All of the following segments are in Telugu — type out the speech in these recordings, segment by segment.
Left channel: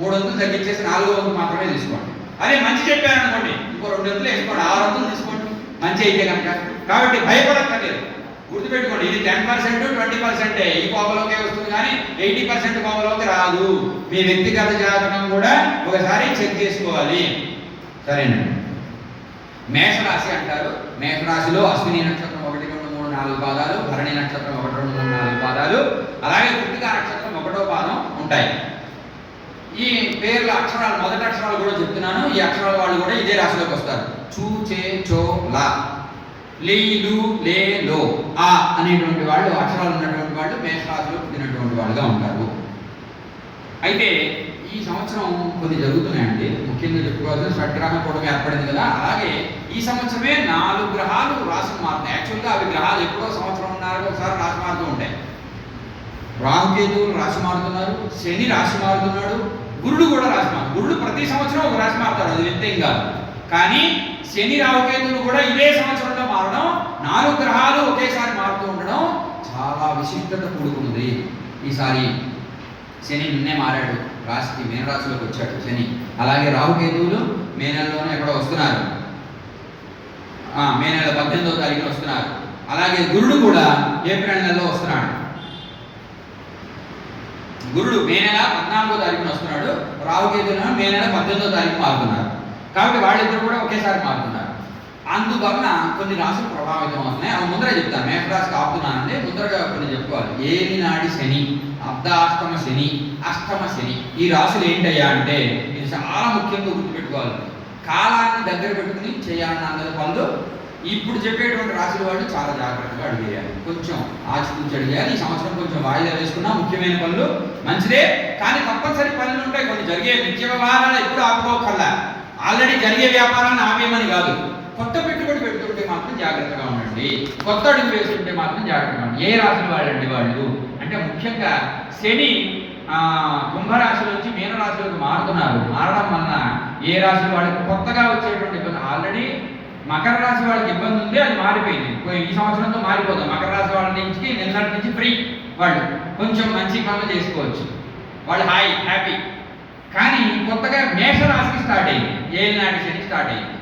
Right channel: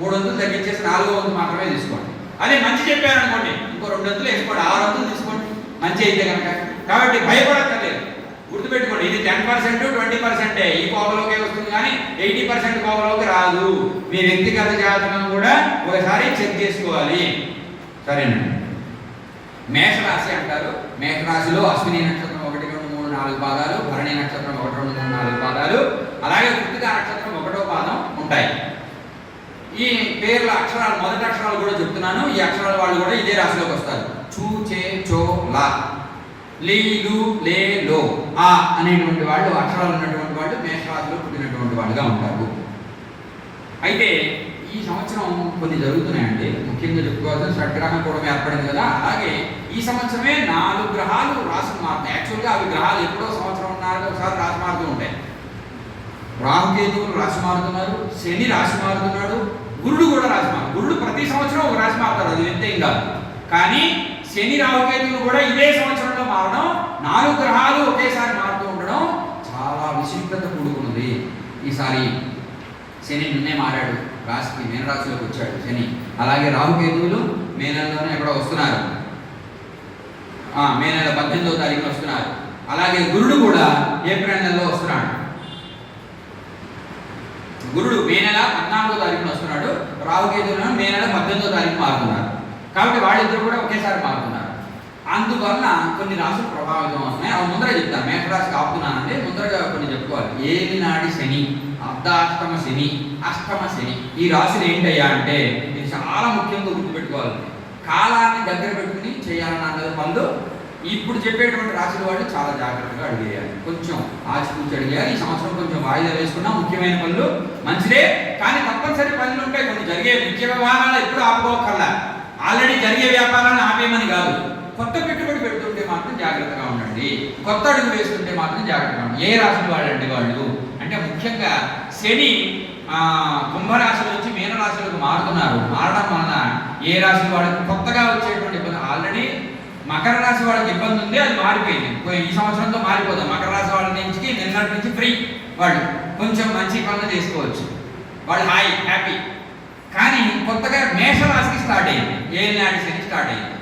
3 వంతులు తగ్గించేసి 4వ వంతు మాత్రమే తీసుకోండి. అదే మంచి చెప్పాను అనుకోండి, ఇంకో 2 వంతులు వేసుకోండి, 6 వంతులు తీసుకోండి మంచి అయితే కనుక. కాబట్టి భయపడక్కర్లేదు, గుర్తుపెట్టుకోండి. ఇది 10% 20% ఈ కోపలోకే వస్తుంది, కానీ 80% కోపలోకి రాదు. మీ వ్యక్తిగత జాతకం కూడా ఒకసారి చెక్ చేసుకోవాలి. సరేనండి. మేషరాశి అంటారు. మేషరాశిలో అశ్విని నక్షత్రం 1, 2, 3, 4 పాదాలు, భరణి నక్షత్రం 1, 2, 3, 4 పాదాలు, అలాగే కృత్తికా నక్షత్రం 1వ పాదం ఉంటాయి. ఈ పేర్ల అక్షరాలు, మొదటి అక్షరాలు కూడా చెప్తున్నాను. ఈ అక్షరాల వాళ్ళు కూడా ఇదే రాశిలోకి వస్తారు. చూ, చే, చో, లా, లీ, లు, లే, లో, ఆ అనేటువంటి వాళ్ళు, అక్షరాలు ఉన్నటువంటి వాళ్ళు మేషరాశిలో పుట్టినటువంటి వాళ్ళుగా ఉంటారు. అయితే ఈ సంవత్సరం కొన్ని జరుగుతున్నాయండి. ముఖ్యంగా చెప్పుకోవాల్సిన షడ్గ్రహం కూడా ఏర్పడింది కదా, అలాగే ఈ సంవత్సరమే 4 గ్రహాలు రాశులు మారుతాయి. యాక్చువల్గా అవి గ్రహాలు ఎప్పుడో సంవత్సరం ఉన్నారో ఒకసారి రాశి మారుతూ ఉంటాయి. రాహుకేతువులు రాశి మారుతున్నారు, శని రాశి మారుతున్నాడు, గురుడు కూడా రాశి మారు. గురుడు ప్రతి సంవత్సరం ఒక రాశి మారుతాడు, అది వ్యక్తం కాదు. కానీ శని రాహుకేతువులు కూడా ఇదే సంవత్సరంలో మారడం, 4 గ్రహాలు ఒకేసారి మారుతూ ఉండడం చాలా విశిష్టత కూడుకున్నది. ఈసారి శని నిన్నే మారాడు, రాశికి మీనరాశిలోకి వచ్చాడు శని. అలాగే రాహుకేతువులు మే నెలలోనే ఎక్కడో వస్తున్నారు, మే నెల 18వ తారీఖున వస్తున్నారు. అలాగే గురుడు కూడా ఏప్రిల్ నెలలో వస్తున్నాడు. గురుడు మే నెల 14వ తారీఖున వస్తున్నాడు, రాహుకేతువులను మే నెల 18వ తారీఖు మారుతున్నారు. కాబట్టి వాళ్ళిద్దరు కూడా ఒకేసారి మారుతున్నారు. అందువలన కొన్ని రాశులు ప్రభావితం అవుతున్నాయి. అవి ముందరే చెప్తాను, మేషరాశికి ఆపుతున్నానండి. ముందరగా కొన్ని చెప్పుకోవాలి. ఏలినాడి శని, అర్ధాష్టమ శని, అష్టమ శని, ఈ రాశులు ఏంటయ్యా అంటే ఇది చాలా ముఖ్యంగా గుర్తుపెట్టుకోవాలి. కాలాన్ని దగ్గర పెట్టుకుని చేయాలన్న పనులు ఇప్పుడు చెప్పేటువంటి రాశుల వాళ్ళు చాలా జాగ్రత్తగా అడిగేయాలి, కొంచెం ఆచితూచి అడిగేయాలి. ఈ సంవత్సరం కొంచెం వాయిదా వేసుకున్నా ముఖ్యమైన పనులు మంచిదే, కానీ తప్పనిసరి పనులు ఉంటాయి. కొన్ని జరిగే నిత్య వ్యవహారాలు ఎప్పుడు ఆపుకోకల్లా, ఆల్రెడీ జరిగే వ్యాపారాన్ని ఆపేయమని కాదు. కొత్త పెట్టుబడి పెడుతుంటే మాత్రం జాగ్రత్తగా ఉండండి, కొత్త అడుగు వేస్తుంటే మాత్రం జాగ్రత్తగా ఉండండి. ఏ రాశి వాళ్ళండి వాళ్ళు అంటే ముఖ్యంగా శని కుంభరాశి నుంచి మీనరాశిలోకి మారుతున్నారు. మారడం వలన ఏ రాశి వాళ్ళకి కొత్తగా వచ్చేటువంటి ఇబ్బంది, ఆల్రెడీ మకర రాశి వాళ్ళకి ఇబ్బంది ఉంది, అది మారిపోయింది. ఈ సంవత్సరంతో మారిపోతాం. మకర రాశి వాళ్ళ నుంచి నిన్నటి నుంచి ఫ్రీ, వాళ్ళు కొంచెం మంచి పనులు చేసుకోవచ్చు, వాళ్ళు హ్యాపీ. కానీ కొత్తగా మేషరాశికి స్టార్ట్ అయింది, ఏలినాటి శని స్టార్ట్ అయింది.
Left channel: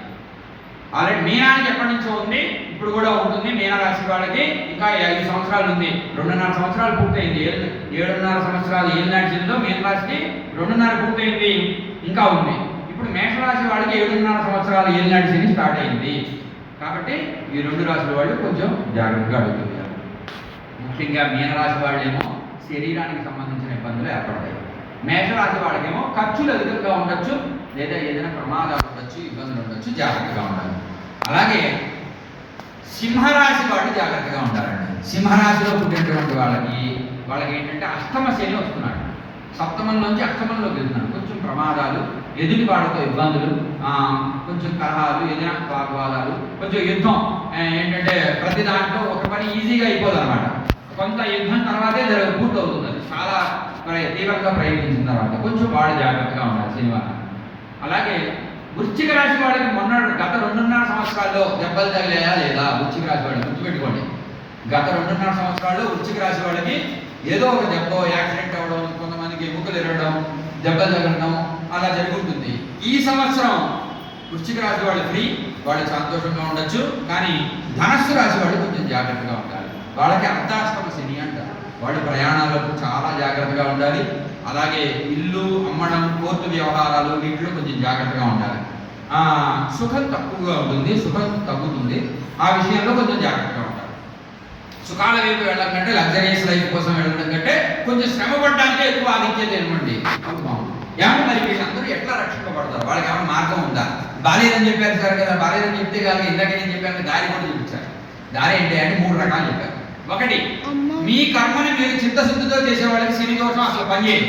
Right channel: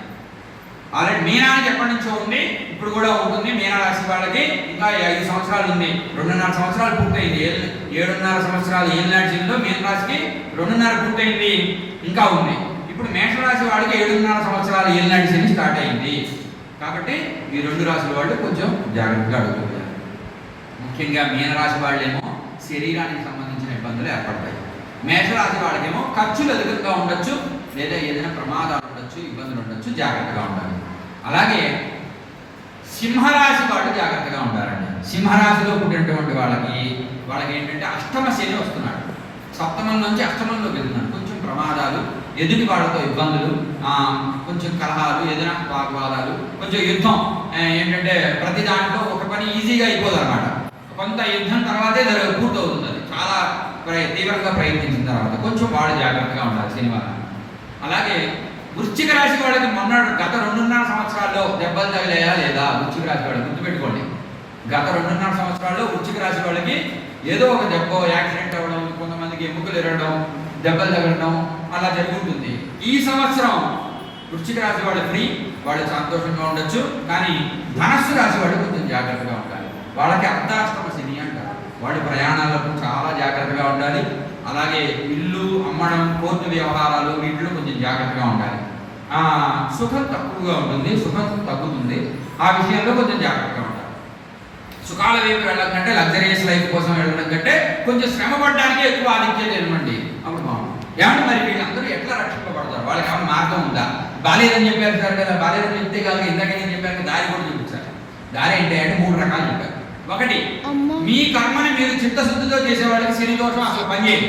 ఆల్రెడీ మీనానికి ఎప్పటి నుంచో ఉంది, ఇప్పుడు కూడా ఉంటుంది. మీనరాశి వాళ్ళకి ఇంకా 5 సంవత్సరాలు ఉంది, 2.5 సంవత్సరాలు పూర్తయింది. 7.5 సంవత్సరాలు ఏలినాటి శనిలో మీనరాశికి 2.5 పూర్తయింది, ఇంకా ఉంది. ఇప్పుడు మేషరాశి వాళ్ళకి 7.5 సంవత్సరాలు ఏలినాటి శని స్టార్ట్ అయింది. కాబట్టి ఈ 2 రాశుల వాళ్ళు కొంచెం జాగ్రత్తగా అడుగుతున్నారు. ముఖ్యంగా మీనరాశి వాళ్ళేమో శరీరానికి సంబంధించిన ఇబ్బందులు ఏర్పడతాయి. మేషరాశి వాళ్ళకేమో ఖర్చులు అధికంగా ఉండొచ్చు, లేదా ఏదైనా ప్రమాదాలు ఉండొచ్చు, ఇబ్బందులు ఉండొచ్చు, జాగ్రత్తగా ఉండాలి. అలాగే సింహరాశి వాళ్ళు జాగ్రత్తగా ఉండాలండి. సింహరాశిలో పుట్టినటువంటి వాళ్ళకి ఏంటంటే అష్టమ శని వస్తున్నాడు, సప్తమం నుంచి అష్టమంలోకి వెళ్తున్నాడు. కొంచెం ప్రమాదాలు, ఎదుటి వాళ్ళతో ఇబ్బందులు, కొంచెం కలహాలు, ఏదైనా వాగ్వాదాలు, కొంచెం యుద్ధం. ఏంటంటే ప్రతి దాంట్లో ఒక పని ఈజీగా అయిపోదు అనమాట. కొంత యుద్ధం తర్వాతే పూర్తవుతుంది, అది చాలా తీవ్రంగా ప్రయత్నించిన తర్వాత. కొంచెం వాళ్ళు జాగ్రత్తగా ఉండాలి శనివారం. అలాగే వృశ్చిక రాశి వాళ్ళకి గత 2.5 సంవత్సరాల్లో దెబ్బలు తగిలేయా లేదా? వృశ్చిక రాశి వాళ్ళకి గుర్తుపెట్టుకోండి, గత 2.5 సంవత్సరాల్లో వృశ్చిక రాశి వాళ్ళకి ఏదో ఒక దెబ్బ, యాక్సిడెంట్ అవ్వడం, కొంతమందికి ఎముకలు ఎరగడం, దెబ్బలు తగలడం అలా జరుగుతుంది. ఈ సంవత్సరం వృశ్చిక రాశి వాళ్ళు ఫ్రీ, వాళ్ళు సంతోషంగా ఉండొచ్చు. కానీ ధనస్సు రాశి వాళ్ళు కొంచెం జాగ్రత్తగా ఉండాలి. వాళ్ళకి అర్ధాష్టమ శని అంటారు, వాళ్ళు ప్రయాణాలకు చాలా జాగ్రత్తగా ఉండాలి. అలాగే ఇల్లు అమ్మడం, కోర్టు వ్యవహారాలు, వీటిలో కొంచెం జాగ్రత్తగా ఉండాలి. సుఖం తక్కువగా ఉంటుంది, సుఖం తగ్గుతుంది, ఆ విషయంలో కొంచెం జాగ్రత్తగా ఉండాలి. సుఖాల వైపు వెళ్ళడం కంటే, లగ్జరీస్ లైఫ్ కోసం వెళ్ళడం కంటే కొంచెం శ్రమ పడడానికి ఎక్కువ ఆధిక్యత ఇవ్వండి. ఏమన్నా మరి వీళ్ళందరూ ఎట్లా రక్షింపబడతారు? వాళ్ళకి ఏమైనా మార్గం ఉందా? బాలేదని చెప్పారు సార్ కదా, బాలేదని చెప్తే కాదు, ఇందాక నేను చెప్పాను దారి కూడా చూపించారు. దారి ఏంటి అంటే 3 రకాలు చెప్పారు. ఒకటి, మీ కర్మని మీరు చిత్తశుద్ధితో చేసే వాళ్ళకి శని దోషం అసలు పనిచేయదు.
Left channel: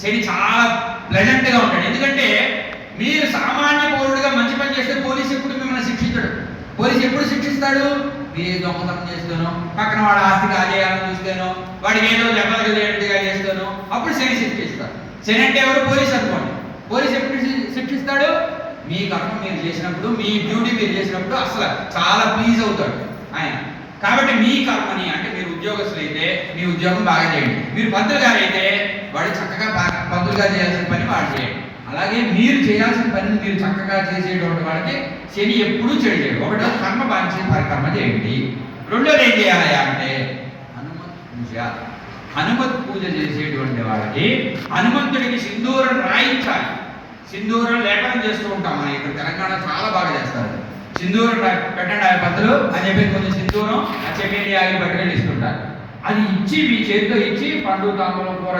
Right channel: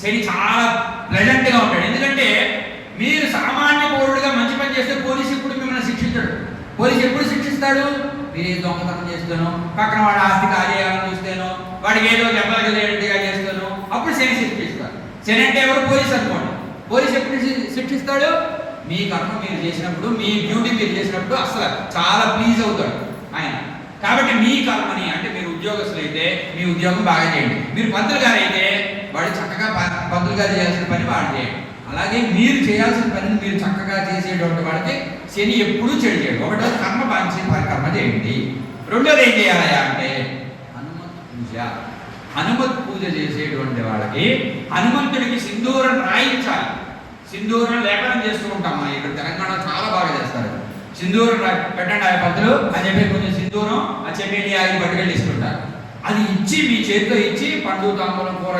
శని చాలా ప్లెజెంట్గా ఉంటాడు. ఎందుకంటే మీరు సామాన్య పౌరుడిగా మంచి పని చేస్తే పోలీసు ఎప్పుడు మిమ్మల్ని శిక్షించడు. పోలీసు ఎప్పుడు శిక్షిస్తాడు? మీరు దొంగతనం చేస్తాను, పక్కన వాడు ఆస్తి కార్యాలను చూస్తాను, వాడికి ఏదో దెబ్బలుగా చేస్తాను, అప్పుడు శని శిక్షిస్తాడు. శని అంటే ఎవరు? పోలీసు అనుకోండి. పోలీసు ఎప్పుడు శిక్షిస్తాడు? మీ కర్మ మీరు చేసినప్పుడు, మీ డ్యూటీ మీరు చేసినప్పుడు అసలు చాలా ప్లీజ్ అవుతాడు ఆయన. కాబట్టి మీ కర్మని, అంటే మీరు ఉద్యోగస్తులు అయితే మీ ఉద్యోగం బాగా చేయండి, మీరు పంతులు గారు అయితే వాడి చక్కగా పంతులుగా చేయాల్సిన పని వాడు చేయండి. అలాగే మీరు చేయాల్సిన పనిని మీరు చక్కగా చేసేటువంటి వాళ్ళకి శని ఎప్పుడూ చెడు చేయడు. ఒకటో కర్మ బాంచి కర్మ చేయండి. రెండోది ఏం చేయాలి అంటే హనుమత్ పూజ. హనుమత్ పూజ చేసేటువంటి వాళ్ళకి హనుమంతుడికి సింధూరం రాయించాలి. సింధూరం లేపనం చేస్తూ ఉంటాం మనం ఇక్కడ తెలంగాణ చాలా బాగా చేస్తారు. సింధూరం పెట్టండి ఆ పంతులు అని చెప్పి కొంచెం సింధూరం ఆ చెమ్మేని ఆగి పట్టుకెళ్ళి ఇస్తుంటారు. అది ఇచ్చి మీ చేతితో ఇచ్చి పండు తాంబూలం కూర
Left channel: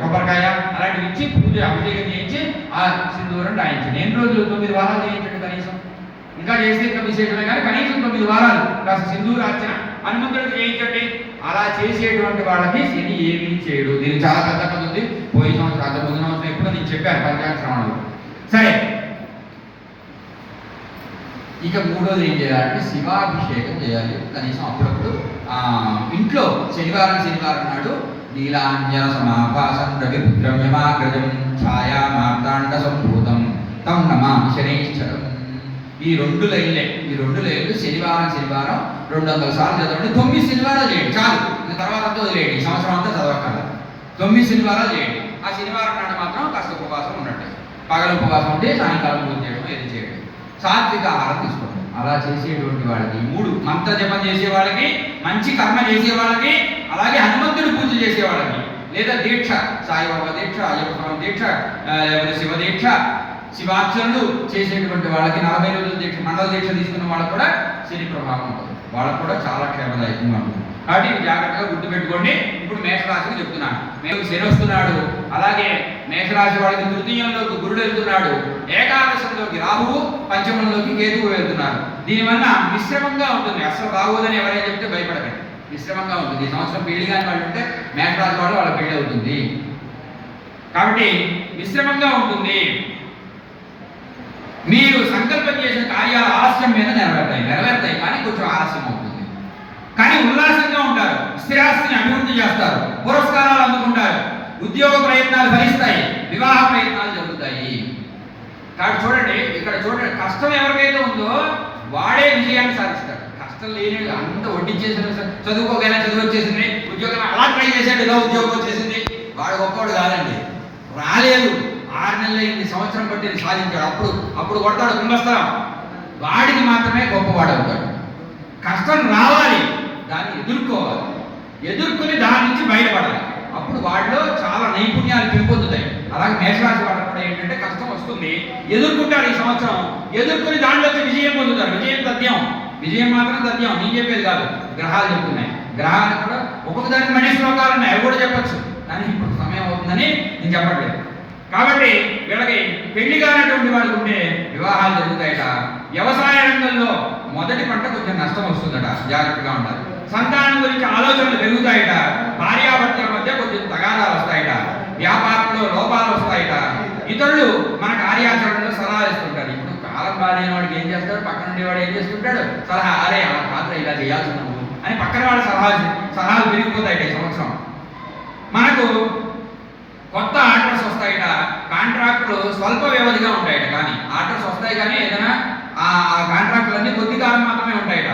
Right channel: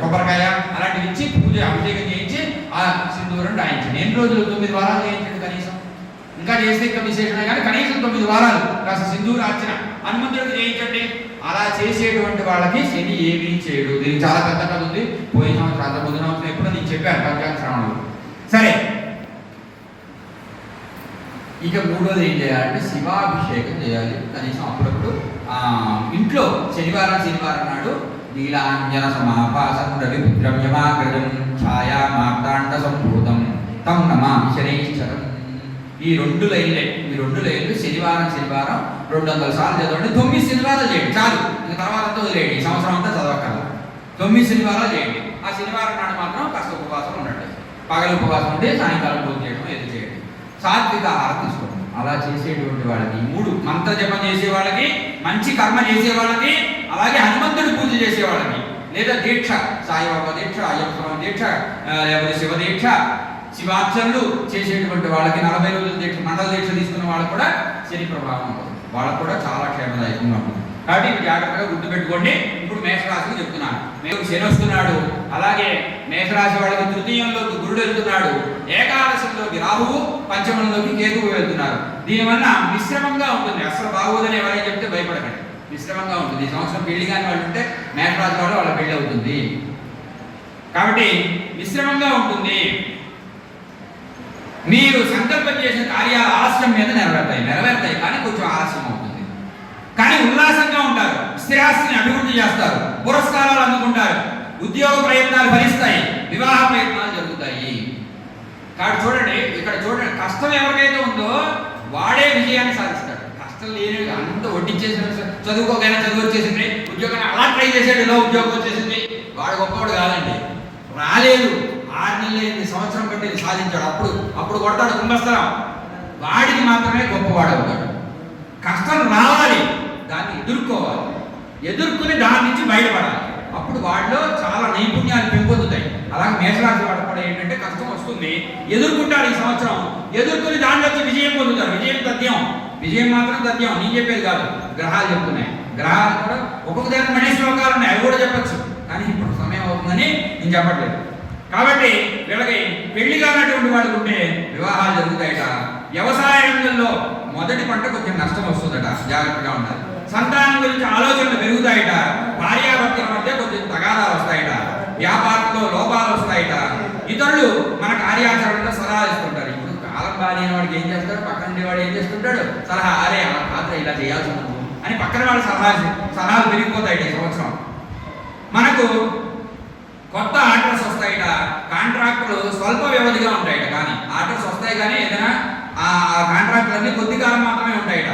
కొబ్బరికాయ అలాంటివి ఇచ్చి పూజ అభిషేకం చేయించి ఆ సింధూరం రాయించండి. ఎన్ని రోజులు? 9 వారాలు చేయించండి కనీసం. ఇంకా చేస్తే ఇంకా విశేషమే కానీ కనీసం 9 వారాలు కాస్త సింధూరార్చన హనుమంతుడికి చేయించండి. అలా చేసేటువంటి వాళ్ళకి శని ఏమీ చేయడు. దీనికి చాలా పెద్ద కథ ఉంది. పోయిన సంవత్సరం అంత ముందు సంవత్సరం ఎప్పుడో నేను చెప్పాను పంచాంగ శ్రవణంలో. సరే, ఇక మూడోది ఏం చేయాలంటే శివాభిషేకం చేయాలి కనీసం అప్పుడప్పుడు. ఇంట్లో శనివారం నాడు నీలాంజన సమాభాసం రవిపుత్రం యమాగ్రజం ఛాయా మార్తాండ సంభూతం తం నమామి శనైశ్చరం. ఈ 2 లైన్లు శనివారం 200 సార్లు చదవండి. 9 శనివారాలు చేయండి చాలు. ఇంక తర్వాత అంతా వదిలేయండి. ఈ సంవత్సరం అంతా చదవక్కర్లా. 9 శనివారాలు చేయండి. ఆ శనివారం నాడు మాత్రం కాస్త ఉపవాసం ఉండండి. పగల ఉపవాసం ఉంటే సాయంకాలం పూజ చేయడం ఏది చేయండి. సాత్విక ఆహారం తీసుకోండి. అలా చేసేటువంటి వాళ్ళకి 3 మంత్ర జపం చేసే వాళ్ళకి, మంచి కర్మ చేసే వాళ్ళకి, అలాగే హనుమంతుడి పూజ చేసే వాళ్ళకి, లేదా దీక్ష సాయిబాబా దీక్ష, అయ్యప్ప స్వామి దీక్ష, లేకపోతే శివ దీక్ష, శివార్చనలు చేసేటువంటి వాళ్ళకి 40 రోజుల దీక్ష, మండల దీక్ష తీసుకున్న వాళ్ళకు కూడా శని ప్రభావం ఉంటుంది. వాళ్ళకు కూడా చాలా క్షేమదాయకంగా ఉంటుంది. కాబట్టి ఇవి జాగ్రత్తగా గుర్తుపెట్టుకోండి. ఇప్పుడు మేషరాశికి చెప్తున్నాను. శని వస్తున్నాడు. అలాగే మేషరాశి వాళ్ళకి తృతీయంలోకి గురుడు వెళ్తున్నాడు. ఏకాదశంలోకి రాహువు, పంచమంలోకి కేతువు వెళ్తున్నారు. దీనివల్ల మిశ్రమంగా ఉంటుంది. అసలు బాగోదని ఎవరైనా చెప్తే భయపడకండి. మిశ్రమంగా ఉంటుంది. ఈ సంవత్సరం పెళ్లి కాని వాళ్ళు ఉంటే మేషరాశి వాళ్ళు వాళ్ళ పెళ్లి అవుతుంది. కాబట్టి మిశ్రమంగా ఉంటుంది. మీరు సంకల్పం చేసిన కార్యాలు ఆలస్యం మీద నెరవేరుతాయి కానీ కొంచెం ఆలస్యం అవుతుంది. కానీ ఉల్లాసంగా ఉంటారు. స్థిరాస్తిని అభివృద్ధి చేస్తారు. పురస్కారాలు అందుకుంటారు. ఉద్యోగ ప్రయత్నాలు ఫలిస్తాయి. వివాహ ప్రయత్నాలు జరుగుతాయి. కాబట్టి చూడండి, ఇక్కడ చూడండి, కష్టం ఎవరికైతే ఉందో వాడే విజయాన్ని సాధిస్తాడు. కష్టం లేని అంత వడ్డించేసిన చదువుకోగానే చదువు వచ్చేసింది, ఉద్యోగం అలా ట్రై చేసాడు, ఇలా ఉద్యోగం వచ్చేసింది, వాడు గొప్పవాడు కాదండి. రాలేదు, 6 నెలలు అయింది, సంవత్సరం బట్టి సాధించాడు, అప్పుడు కొడతాడు కుంభస్థలం. వాడికి మాత్రమే గొప్పవాడు అవుతాడు. కష్టం రావాలి, దాన్ని ఎదుర్కోవాలి, ఎదుర్కొని దాని నుంచి బయటపడాలి. అప్పుడు వాడిలో చాలా నైపుణ్యాలు పెంపొందుతాయి. అలాగే మేషరాశి వాళ్ళకి కూడా ఏంటంటే కష్టం వస్తుంది, ఎదుర్కొంటారు. ఈ సంవత్సరం ఎదుర్కొని దాంట్లో విజయం పొందుతారు. విజయం మాత్రం తథ్యం, నేను చెప్పేది కాదు, గ్రహాలు చెప్తున్నాయి. గ్రహాలు కూడా ఒక్కొక్కదానికి మళ్ళీ శ్లోకాలు ఉన్నాయి, అవి కూడా చెప్పచ్చు. కానీ ఇప్పుడు సమయం అవుతుందని నేను చెప్పట్లేదు. కాబట్టి వీళ్ళకి పెళ్లి కానటువంటి వాళ్ళకు ఉంటే వివాహాలు జరుగుతాయట. వ్యవసాయ రంగంలో మొదటి పంట కొంచెం నష్టం వస్తుందట, జాగ్రత్తగా ఉండాలి. సంతానం గురించి ఆలోచనలు పెరుగుతాయట. భార్యాభర్తల మధ్య కొంచెం తగాదాలు వస్తాయట. వ్యాపారంలో లోపాలు వస్తాయట. ఇతరులు మన కార్యాచరణలో సలహా ఇస్తుంటారు. ఇప్పుడు కాలం బాగాలేని వాడికి ఏం చేస్తాడు, పక్కన నుండి వాడు ఏం చేస్తుంటాడు, సలహా, అరే ఆ పాత్ర ఇలా చేయాల్సి ఉన్నాము అని పక్కన వాడు సలహాలు పెరిగిపోతాయట. ఈ సంవత్సరం మనకు కొత్త ఆర్డర్స్ వస్తాయట. కాంట్రాక్టులు స్వల్ప వ్యవధిగా ఉంటాయట, కానీ ఆర్డర్స్ వస్తాయి కానీ ఏదైనా ఆ కాంట్రాక్టులన్నీ కొద్ది కాలం మాత్రమే ఉంటాయట.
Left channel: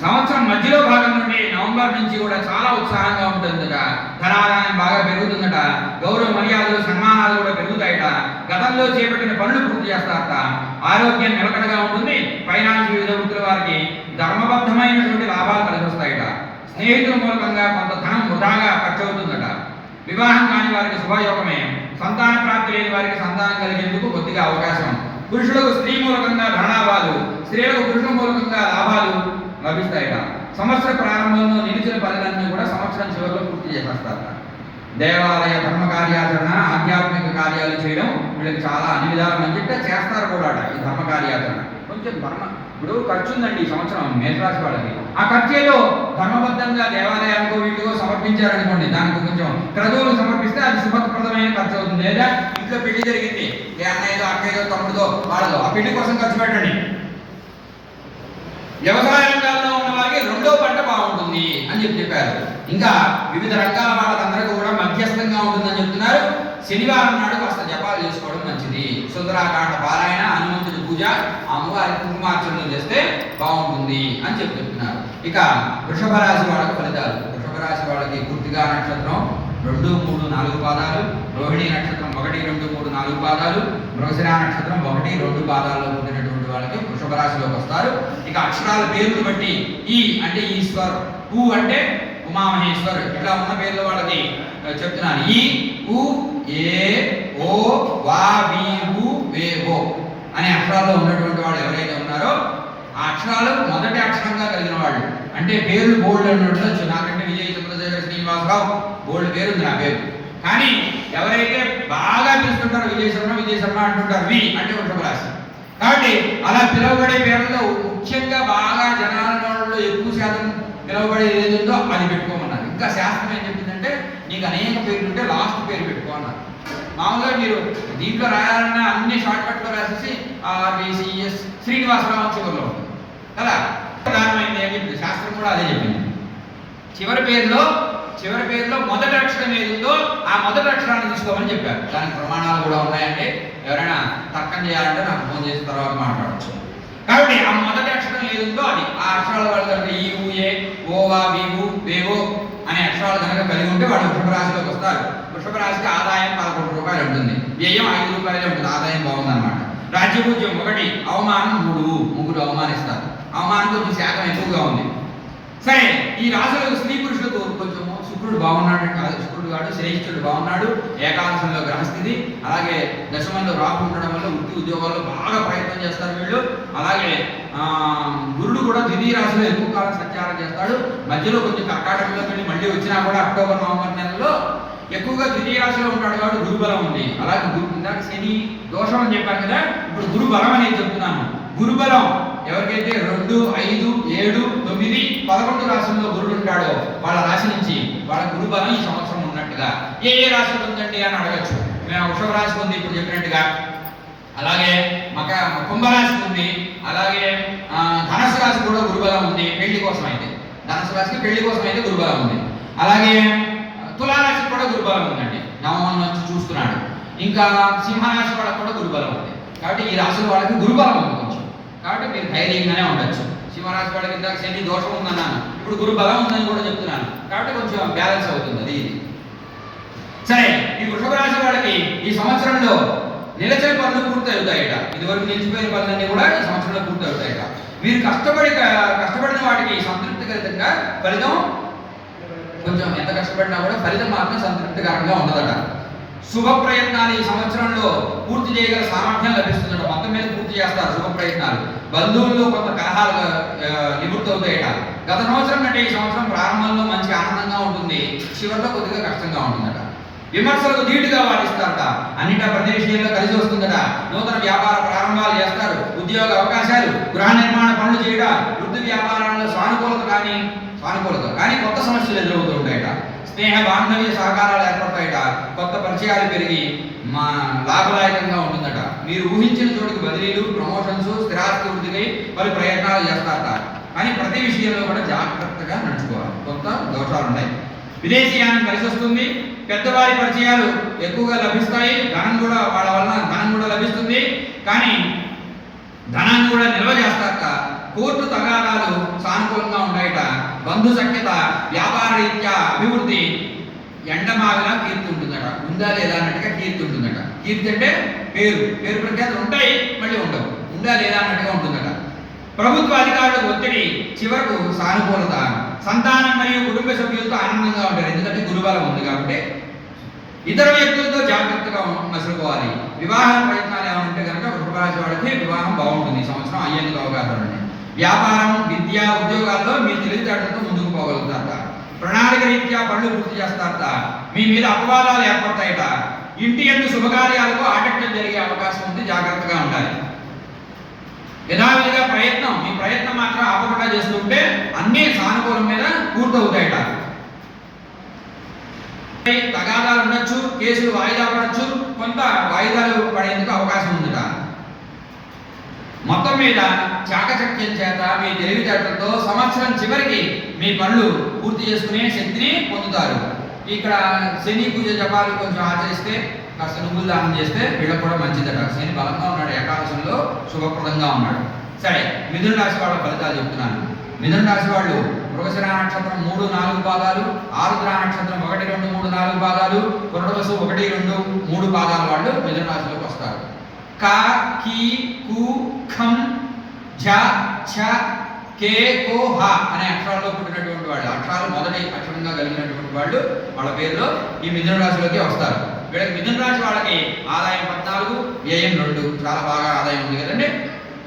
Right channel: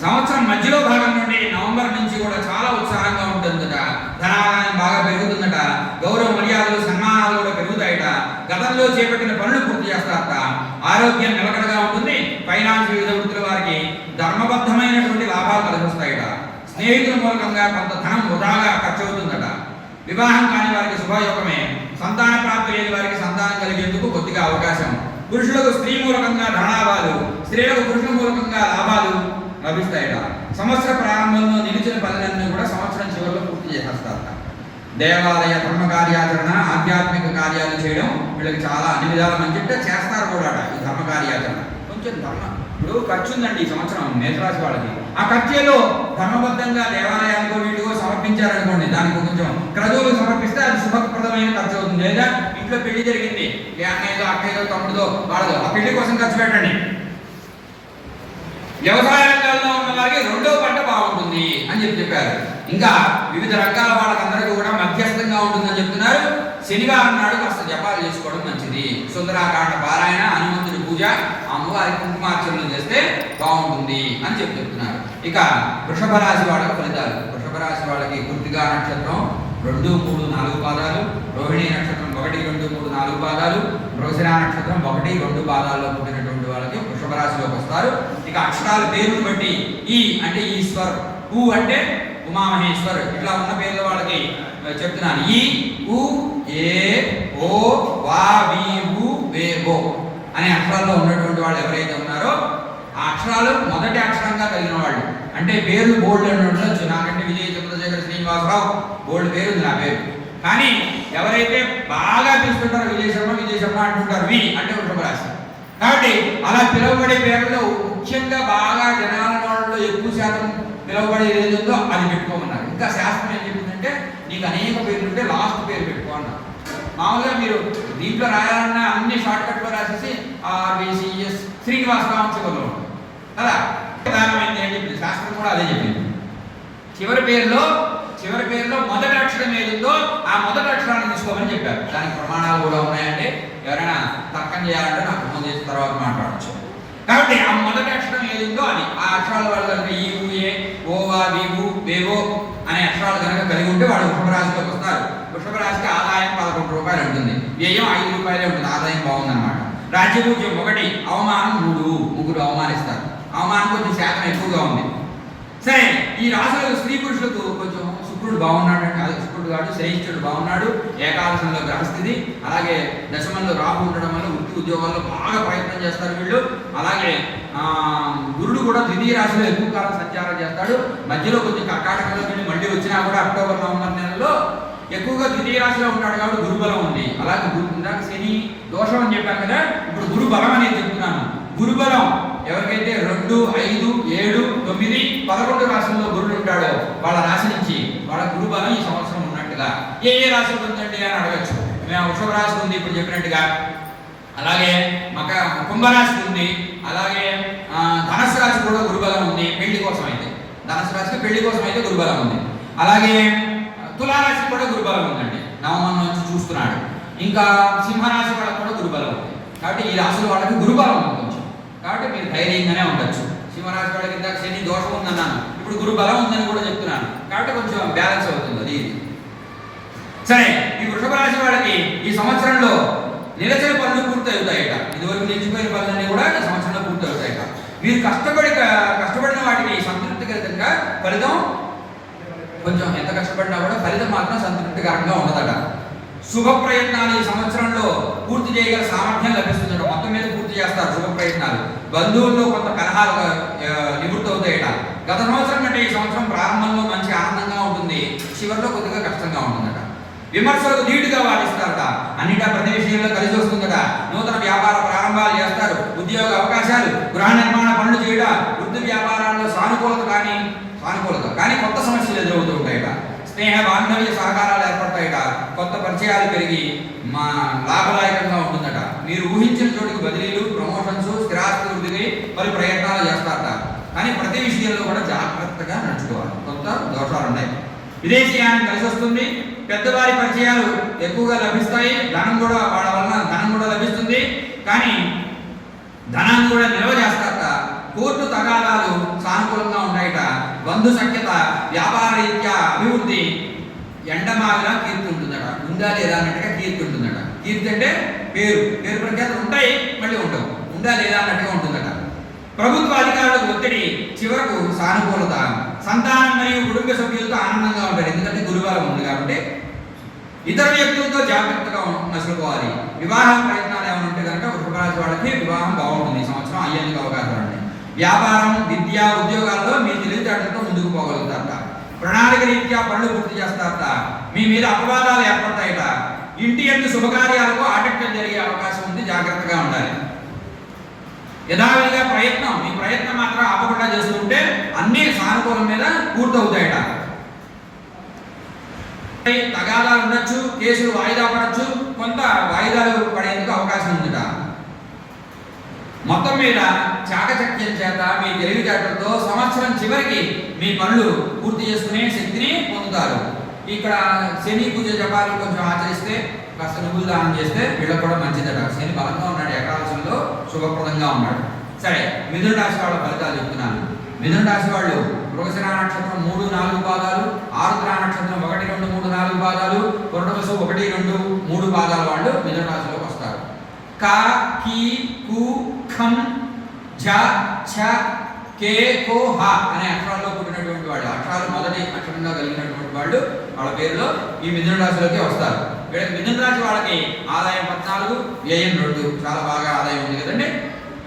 సంవత్సరం మధ్యలో భాగం నుండి నవంబర్ నుంచి కూడా చాలా ఉత్సాహంగా ఉంటుందట. ధనాదాయం బాగా పెరుగుతుందట. గౌరవ మర్యాదలు సన్మానాలు కూడా పెరుగుతాయట. గతంలో చేపట్టిన పనులు పూర్తి చేస్తారట. ఆరోగ్యం నిలకడగా ఉంటుంది. ఫైనాన్స్ వివిధ వృత్తుల వారికి ధర్మబద్ధమైనటువంటి లాభాలు కలిసి వస్తాయట. స్నేహితుల మూలకంగా కొంత ధనం వృధాగా ఖర్చు అవుతుందట. వివాహం కాని వారికి శుభయోగమే. సంతాన ప్రాప్తి లేని వారికి సంతానం కలిగేందుకు కొద్దిగా అవకాశం. పురుషులకు స్త్రీ మూలకంగా ధనాభాలు, స్త్రీలకు పురుషుల మూలకంగా లాభాలు లభిస్తాయట. సంవత్సర ప్రారంభంలో నిలిచిన పనులన్నీ కూడా సంవత్సరం చివరిలో పూర్తి చేసేస్తారట. దేవాలయ ధర్మ కార్యాచరణ, ఆధ్యాత్మిక కార్యాలు చేయడం వీళ్ళకి చాలా అన్ని విధాల మంచిట చేస్తారు కూడా. ఈ ధర్మ కార్యాచరణ కొంచెం ఇప్పుడు ఖర్చు ఉందండి ఈ సంవత్సరం మేషరాశి వాళ్ళకి. ఆ ఖర్చు ఏదో ధర్మబద్ధంగా దేవాలయాలకు వీటికో సమర్పించారనుకోండి, దానికి కొంచెం క్రతువులు సమర్పిస్తే అది శుభప్రదమైన ఖర్చు అవుతుంది. లేదా ఇంట్లో పెళ్లి జరిగింది, మీ అన్నయ్యదో అక్కయ్యదో తమ్ముడిదో వాళ్ళదో, ఆ పెళ్లి కోసం ఖర్చు పెట్టండి. వ్యవసాయ రంగాల్లో ఉన్న వారికి 2వ పంట బాగుంటుంది అని చెప్పారు. ఇంకా వివిధ రంగాల వాళ్ళకందరికీ కూడా మధ్యస్థంగా ఉంటుందని చెప్తున్నారు. శనివారం నాడు కాస్త జపాలు చేసుకోవడం మంచిది. సుందరాకాండ పారాయణ, హనుమంతుడి పూజ, అమ్మవారి కుంకుమార్చనలు చేస్తే బాగుంటుంది అని చెప్తున్నారు. ఇక వృషభ రాశి వాళ్ళకి ఫలితాలు. వృషభ రాశి వాళ్ళకి కృత్తికా నక్షత్రం, 2, 3, 4 పాదాలు, రోహిణి నక్షత్రం 1, 2, 3, 4 పాదాలు, మృగశిర నక్షత్రం 1, 2 పాదాల్లో పుట్టినటువంటి వాళ్ళకి వృషభ రాశిలోకి వస్తారు. ఇక అక్షరాల పేరుని బట్టి ఈ అంటే ఈశ్వర్, ఊ అంటే ఉమామహేశ్వర్, ఇట్లా ఉన్న పేర్ల వాళ్ళకి చెప్తున్నాను. ఈ, ఉ, ఏ, ఓ, వా, వి, వు, వే, ఓ అనే అక్షరాల్లో ఉన్నటువంటి వాళ్ళు ఎవరైతే ఉన్నారో ఆ అక్షరాలు మొదటి అక్షరంగా కలిగిన వాళ్ళు, అంటే పేర్లు బోల్డ్ అని ఉండొచ్చు. నాకంటే విజయ చంద్రశేఖర శ్రీనివాసరావు బోల్డ్ పేరు ఉంది నా పేరు. కానీ ఎవరైతే బాగా తీసుకుంటారో విజయ శర్మ అంటుంటారు. వి అంటే వృషభ రాశి. కాబట్టి అలా పిలువబడే పేర్లలో ముఖ్యంగా బాగా జనాలలో ఎక్కువ శాతం పిలువబడేది ఏదో అది పెట్టుకోమన్నారు. ఇంకా శాస్త్రం ఏం చెప్పిందంటే నీకు అనేక పేర్లు ఉంటే లాస్ట్ పేరు పెట్టుకో అన్నారు. మామూలుగా మీరు దీంట్లో రాయాలన్నా అన్ని షార్ట్ కట్లో రాసేసి ఆర్బిసిఎస్ శ్రీనివాసరావు చివరిలో ఉంటుంది కదా. ప్రధానమైంది ఏం చెప్పింది శాస్త్రం కూడా అదే చెప్పింది. చివరి పేరులో మొదటి అక్షరం ఏదిందో ఆ మొదటి అక్షరాన్ని తీసుకోమని చెప్పారు. దానికి ప్రమాణాలు కూడా ఉన్నాయంటే ఎవరైనా తర్కం చేయాలంటే నాకు ఫోన్ చేసిన తర్వాత మాట్లాడచ్చు. కాబట్టి ఆ మొదటి అక్షరం ఏదిందో అది ఆ అక్షరాల వాళ్ళు కనుక ఈ, ఊ, ఏ, ఓ, వా, వి, వు, వేవో అనే అక్షరాలు కనుక కలిగి ఉంటే వాడు వృషభ రాశిలోకి వస్తారు. వృషభ రాశికి ఆదాయం 11 రూపాయలు ఉంటుంది, వ్యయం 5 రూపాయలే ఉంటుంది. ఆదాయం బాగుందన్నమాట. రాజ్యపూజ్యం 1, అవమానం 3 అవమానిస్తారు. అవమానం కొంచెం శాతం ఎక్కువగా ఉంది. సరే, ఈ రాశులకు స్త్రీ పురుషులకు కొంచెం శుక్రుడు బాగున్నాడు, శుక్రుడు కాదు శనీశ్వరుడు బాగున్నాడు. ఏకాదశంలో గ్రహస్థితి, అలాగే దశమంలో రాహు ఉండడం వల్ల వృత్తి ఉద్యోగాల్లో బాగా ప్రయత్నం చేస్తారు వీళ్ళు. అలాగే గురుడు కూడా ద్వితీయ రాశిలో ఎక్కువ కాలం సంచారం చేస్తాడు. మధ్యలో కొంచెం కర్కాటకంలోకి వెళ్ళి మళ్ళీ వచ్చినా కూడా అక్టోబర్ నవంబర్ నెలలో ఎక్కువగా ద్వితీయ రాశిలో ఉంటాడు కాబట్టి గురుబలం ఉంది. అలాగే ఇందాక శని దోషం అని చెప్పాను కదా, ఇప్పుడు గురుబలం అనేది చెప్తున్నాను. గురుబలం ఎవరికైతే 2, 5, 7, 9, 11 రాశుల్లో గురుడు ఉంటాడో వాళ్ళ రాశి నుంచి వాళ్ళ గురుబలం ఈ సంవత్సరం ఉన్నట్టుగా. ఏ రాశి ఉందండి అని అడగచ్చు. మేము వృషభ రాశి ఉంది ఇప్పుడు చెప్పినట్టుగా, అలాగే కుంభరాశి ఉంది, అలాగే ధనుసు రాశి కూడా గురుబలం ఉంది పెళ్లి కోసం అయితే. ధనుసు రాశికి పెళ్లి కోసం అయితే గురుబలం ఉంది. అలాగే తులారాశి కూడా గురుబలం ఉందండి, నవమం నుంచి చూస్తున్నాడు. ఇంకా సింహరాశి వాళ్ళకి కూడా గురుబలం ఉంది. కాబట్టి ఈ రాశుల వాళ్ళకి గురుబలం ఉంది కొంచెం. కాబట్టి మీరు ధైర్యంగానే ఉండొచ్చు. సింహరాశి వాళ్ళకి ఇందాక శని దోషం ఉందన్నాను, ఇప్పుడు గురు బలం ఉందని కూడా చెప్తున్నాను. కాబట్టి కొంచెం బ్యాలెన్స్ అవుతుంది అది ఇది. సరే, ఈ వృషభ రాశి వాళ్ళకి ఈ సంవత్సరంలో నిలిచిన పనులు పూర్తి అవుతాయట. ఇదివరకు నిలిచిపోయిన పనులన్నీ కూడా ఈ సంవత్సరంలో పూర్తి అవుతాయట. మీరు కష్టపడిన వాటికి సంతృప్తికరంగా ఫలితం, కొంచెం ఎంత కష్టపడినా కూడా ఫలితం మాత్రం సంతృప్తికరంగా ఉండదట. శుభ ప్రయత్నాలు ఈ సంవత్సరంలో పూర్తి చేయగల సామర్థ్యం లభిస్తుందట. మొత్తం మీద పూర్తి చేస్తారు శుభ ప్రయత్నాలు. బంధువుల్లో కొంత కలహాలు నివృత్తి అవుతాయట. గత సంవత్సరం కంటే ఈ సంవత్సరం ప్రారంభంలో మంచి ఆనందంగా ఉంటుంది, చివరిలో కొద్దిగా కష్టంగా ఉంటుందట. విమర్శలకు ధీటుగా వాదిస్తారట. అన్నిటా ప్రతి విషయంలో కలిసి వస్తుందట. నూతన వ్యాపార ప్రారంభాలు చేస్తారు. ఉద్యోగ అవకాశాలు, గృహ నిర్మాణ పనులు చేయడం, వృత్తి వ్యాపారాల్లో సానుకూలత కానీ కొత్త సమస్యలు ఎదురవుతుంటాయట. స్నేహ బాంధవ్య సహకారాలు ఏర్పడతాయట. కొత్త పరిచయాలు పెరిగి లాభదాయకంగా ఉంటుందట. మీరు ఊహించిన చోటుకి బదిలీలు, ప్రమోషన్స్, స్థిరాస్తి వృద్ధికై పలు ప్రయత్నాలు చేస్తారట. కానీ ప్రతి విషయంలో కూడా జాగ్రత్తగా నడుచుకోవాలి. కొంత దోషాలు ఉన్నాయి. విదేశీయానం కలిసి వస్తుంది. పెద్దవారి పరిచయాలు ఎక్కువగా లభిస్తాయి. ధనం కూడా వాళ్ళ వలన ధనం కూడా లభిస్తుంది. కానీ ధనాన్ని కూడా నిల్వ చేస్తారట. కోర్టు తగాదాలు సానుకూలంగా ఉంటాయట. బంధు సఖ్యత, వ్యాపార రీత్యా అభివృద్ధి ఎండమావిలా కీర్తి ఉంటుందట. ఉందా లేదా అన్నట్టుగా కీర్తి ఉంటుందట. కీర్తి అంటే పేరు ప్రఖ్యాతులు ఉంటాయి, మళ్ళీ ఉండవు. ఉందా లేదా అన్నట్టుగా ఉంటుందట. ప్రభుత్వ అధికారులకు ఒత్తిడి, చివరకు సానుకూలత. సంతానం మరియు కుటుంబ సభ్యులతో ఆనందంగా ఉంటారు, ఎందుకంటే గురుబలం ఉంది కాబట్టి. ఇతర వ్యక్తులతో జాగ్రత్తగా మసులుకోవాలి. వివాహ ప్రయత్నాలు ఏమైనా ఉంటే కనుక వృషభ రాశి వాళ్ళకి వివాహం బాగుంటుంది ఈ సంవత్సరం. అయ్యేందుకు అవకాశాలు ఉన్నాయి. వ్యాపారం, విద్య, ఉద్యోగాల్లో మీ తెలివితేటలతో ముందుకు పోగలుగుతారట. ప్రణాళిక రీత్యా పనులు పూర్తి చేస్తారట. మీ మీద అపవాదాలు ఏర్పడతాయట. ఇంటి ఎందు శుభకార్యాలకు ఆటంకం జరిగే అవకాశం ఉంది, జాగ్రత్తగా ఉండాలి. యథావిధిగా మీ ప్రయత్నం మాత్రం ఆపకుండా చేస్తుంటే అన్ని సానుకూలం మీద పూర్తవుతాయట. తగాదాలు ఉండొచ్చు, కేసులు వాయిదా పడచ్చు, కొంత వాయిదాలు పడేందుకు అవకాశం ఉందట. మొత్తం మీద చాకచక్యం చేత మీ తెలివితేటలతో సంవత్సరం చివరికి మీ పనులు పూర్తి చేసుకునే శక్తిని పొందుతారు. ఇక్కడ శని పూజ జపాలు కొంచెం ఆచరిస్తే, కాస్త నువ్వులు దానం చేస్తే వీళ్ళకి కూడా మంచిదట. శని బలంగా ఉన్నాడు, ఏకాదశంలో శుభప్రదంగా ఉన్నాడు. సరే, మిథున రాశి వాళ్ళ ఫలితాలు చెప్తున్నాను. మిథున రాశి వాళ్ళు మృగశిర నక్షత్రం 3, 4 పాదాలు, ఆరుద్ర నక్షత్రం 1, 2, 3, 4 పాదాలు, పునర్వసు 1, 2, 3 పాదాల వాళ్ళు మిథున రాశిలోకి వస్తారు. క, కి, కు, ఖం, ఝ, ఛ, కే, కో, హ అనే అక్షరాల్లో పుట్టినటువంటి వాళ్ళు, అక్షరాలు మొదటి అక్షరంగా కలిగినటువంటి వాళ్ళు వాళ్ళ పేరులో ఈ మిథున రాశిలోకి వస్తారు. వీళ్ళకి మిథున రాశి వాళ్ళకి ఆదాయం 14, వ్యయం 2, చాలా బాగా ఆదాయం ఉంది కదండి.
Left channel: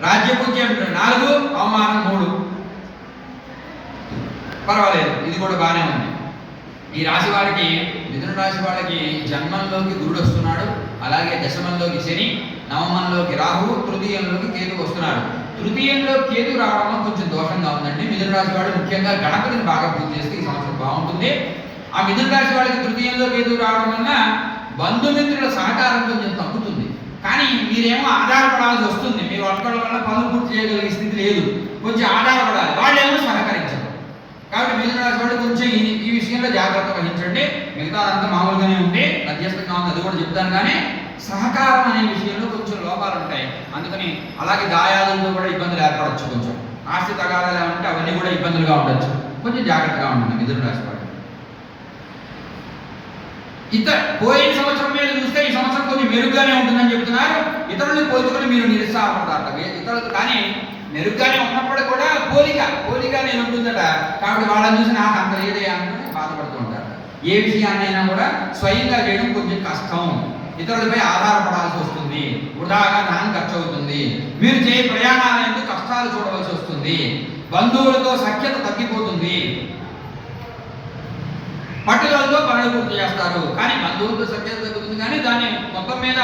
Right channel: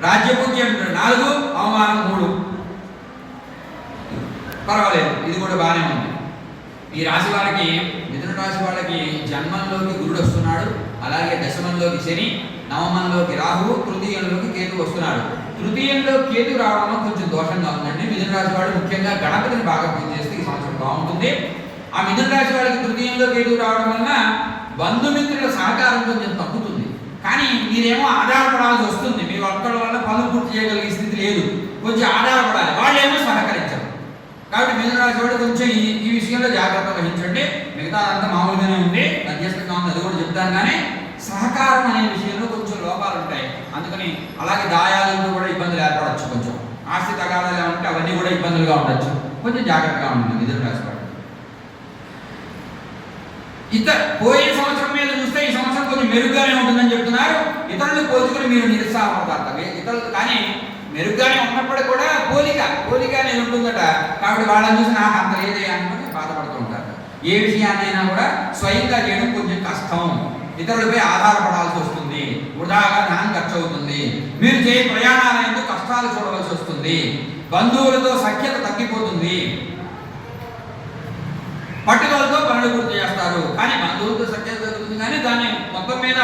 రాజ్యపూజ్యం 4, అవమానం 3, పర్వాలేదు, ఇది కూడా బాగానే ఉంది. ఈ రాశి వాళ్ళకి, మిథున రాశి వాళ్ళకి జన్మంలోకి గురుడు వస్తున్నాడు, అలాగే దశమంలోకి శని, నవమంలోకి రాహు, తృతీయంలోకి కేతు వస్తున్నారు. తృతీయంలో కేతు రావడంలో కొంచెం దోషంగా ఉందండి. మిథున రాశి వాళ్ళు ముఖ్యంగా గణపతిని బాగా పూజ చేస్తే ఈ సంవత్సరం బాగుంటుంది. ఆ మిథున రాశి వాళ్ళకి తృతీయంలో కేతు రావడం వలన బంధుమిత్రుల సహకారం కొంచెం తగ్గుతుంది. కానీ మీరేమో ఆధారపడాల్సి వస్తుంది. మీ ఒక్కడి వల్ల పనులు పూర్తి చేయగలిగే స్థితి లేదు, కొంచెం ఆధారపడాలి, వాళ్ళేమో సహకరించరు. కాబట్టి మిథున రాశి వాళ్ళు కొంచెం ఈ విషయంలో జాగ్రత్త వహించండి. మిగతా అంతా మామూలుగానే ఉంది, మధ్యస్థంగా ఉంది, అది కూడా చెప్తాను. కానీ సహకారం అనే విషయంలో కొంచెం లోపాలు ఉంటాయి. అందుకని అలాగే దాయాదులతో కూడా ఇబ్బందులు ఏర్పడవచ్చు. కొంచెం ఆస్తి తగాదాలు ఉంటే అవన్నీ కూడా ఇబ్బందులుగా ఉండొచ్చు. కొంచెం జాగ్రత్తగా ఉంటుంది మిథున రాశి వాళ్ళు. పోయిన సంవత్సరం మీద చూస్తే ఈ సంవత్సరం కొంచెం మెరుగ్గానే ఉంటుందని చెప్తున్నారు. ఇతరులు పోల్చుకొని మీరు నిరుత్సాహపడతారు. ఇతరులు కానీ మెరుగ్గానే ఉన్నప్పుడు కూడా పోలిక అనేది ఉంటుందట. కాబట్టి వాళ్ళని చూసి నాకు అంత లేదే అనుకుని బాధపడుతూ ఉంటారు. ఏ విషయాన్నైనా కూడా స్వయంగా చేయడం కొంచెం కష్టం. ఇతరులపై ఆధారపడాల్సి వస్తుంది, వృధాగా ధనం ఖర్చు అవుతుంది. మీరు చేయ ప్రయాణాలు ఎందుకు కష్టాలు చూడవలసి వస్తుంది. బంధువులతో సఖ్యత తగ్గిపోతుంది. పట్టుదలతో పనులు పూర్తి చేస్తారు. కానీ బంధువులతో సఖ్యత తగ్గుతుంది, కానీ దాన్ని మొత్తం మీద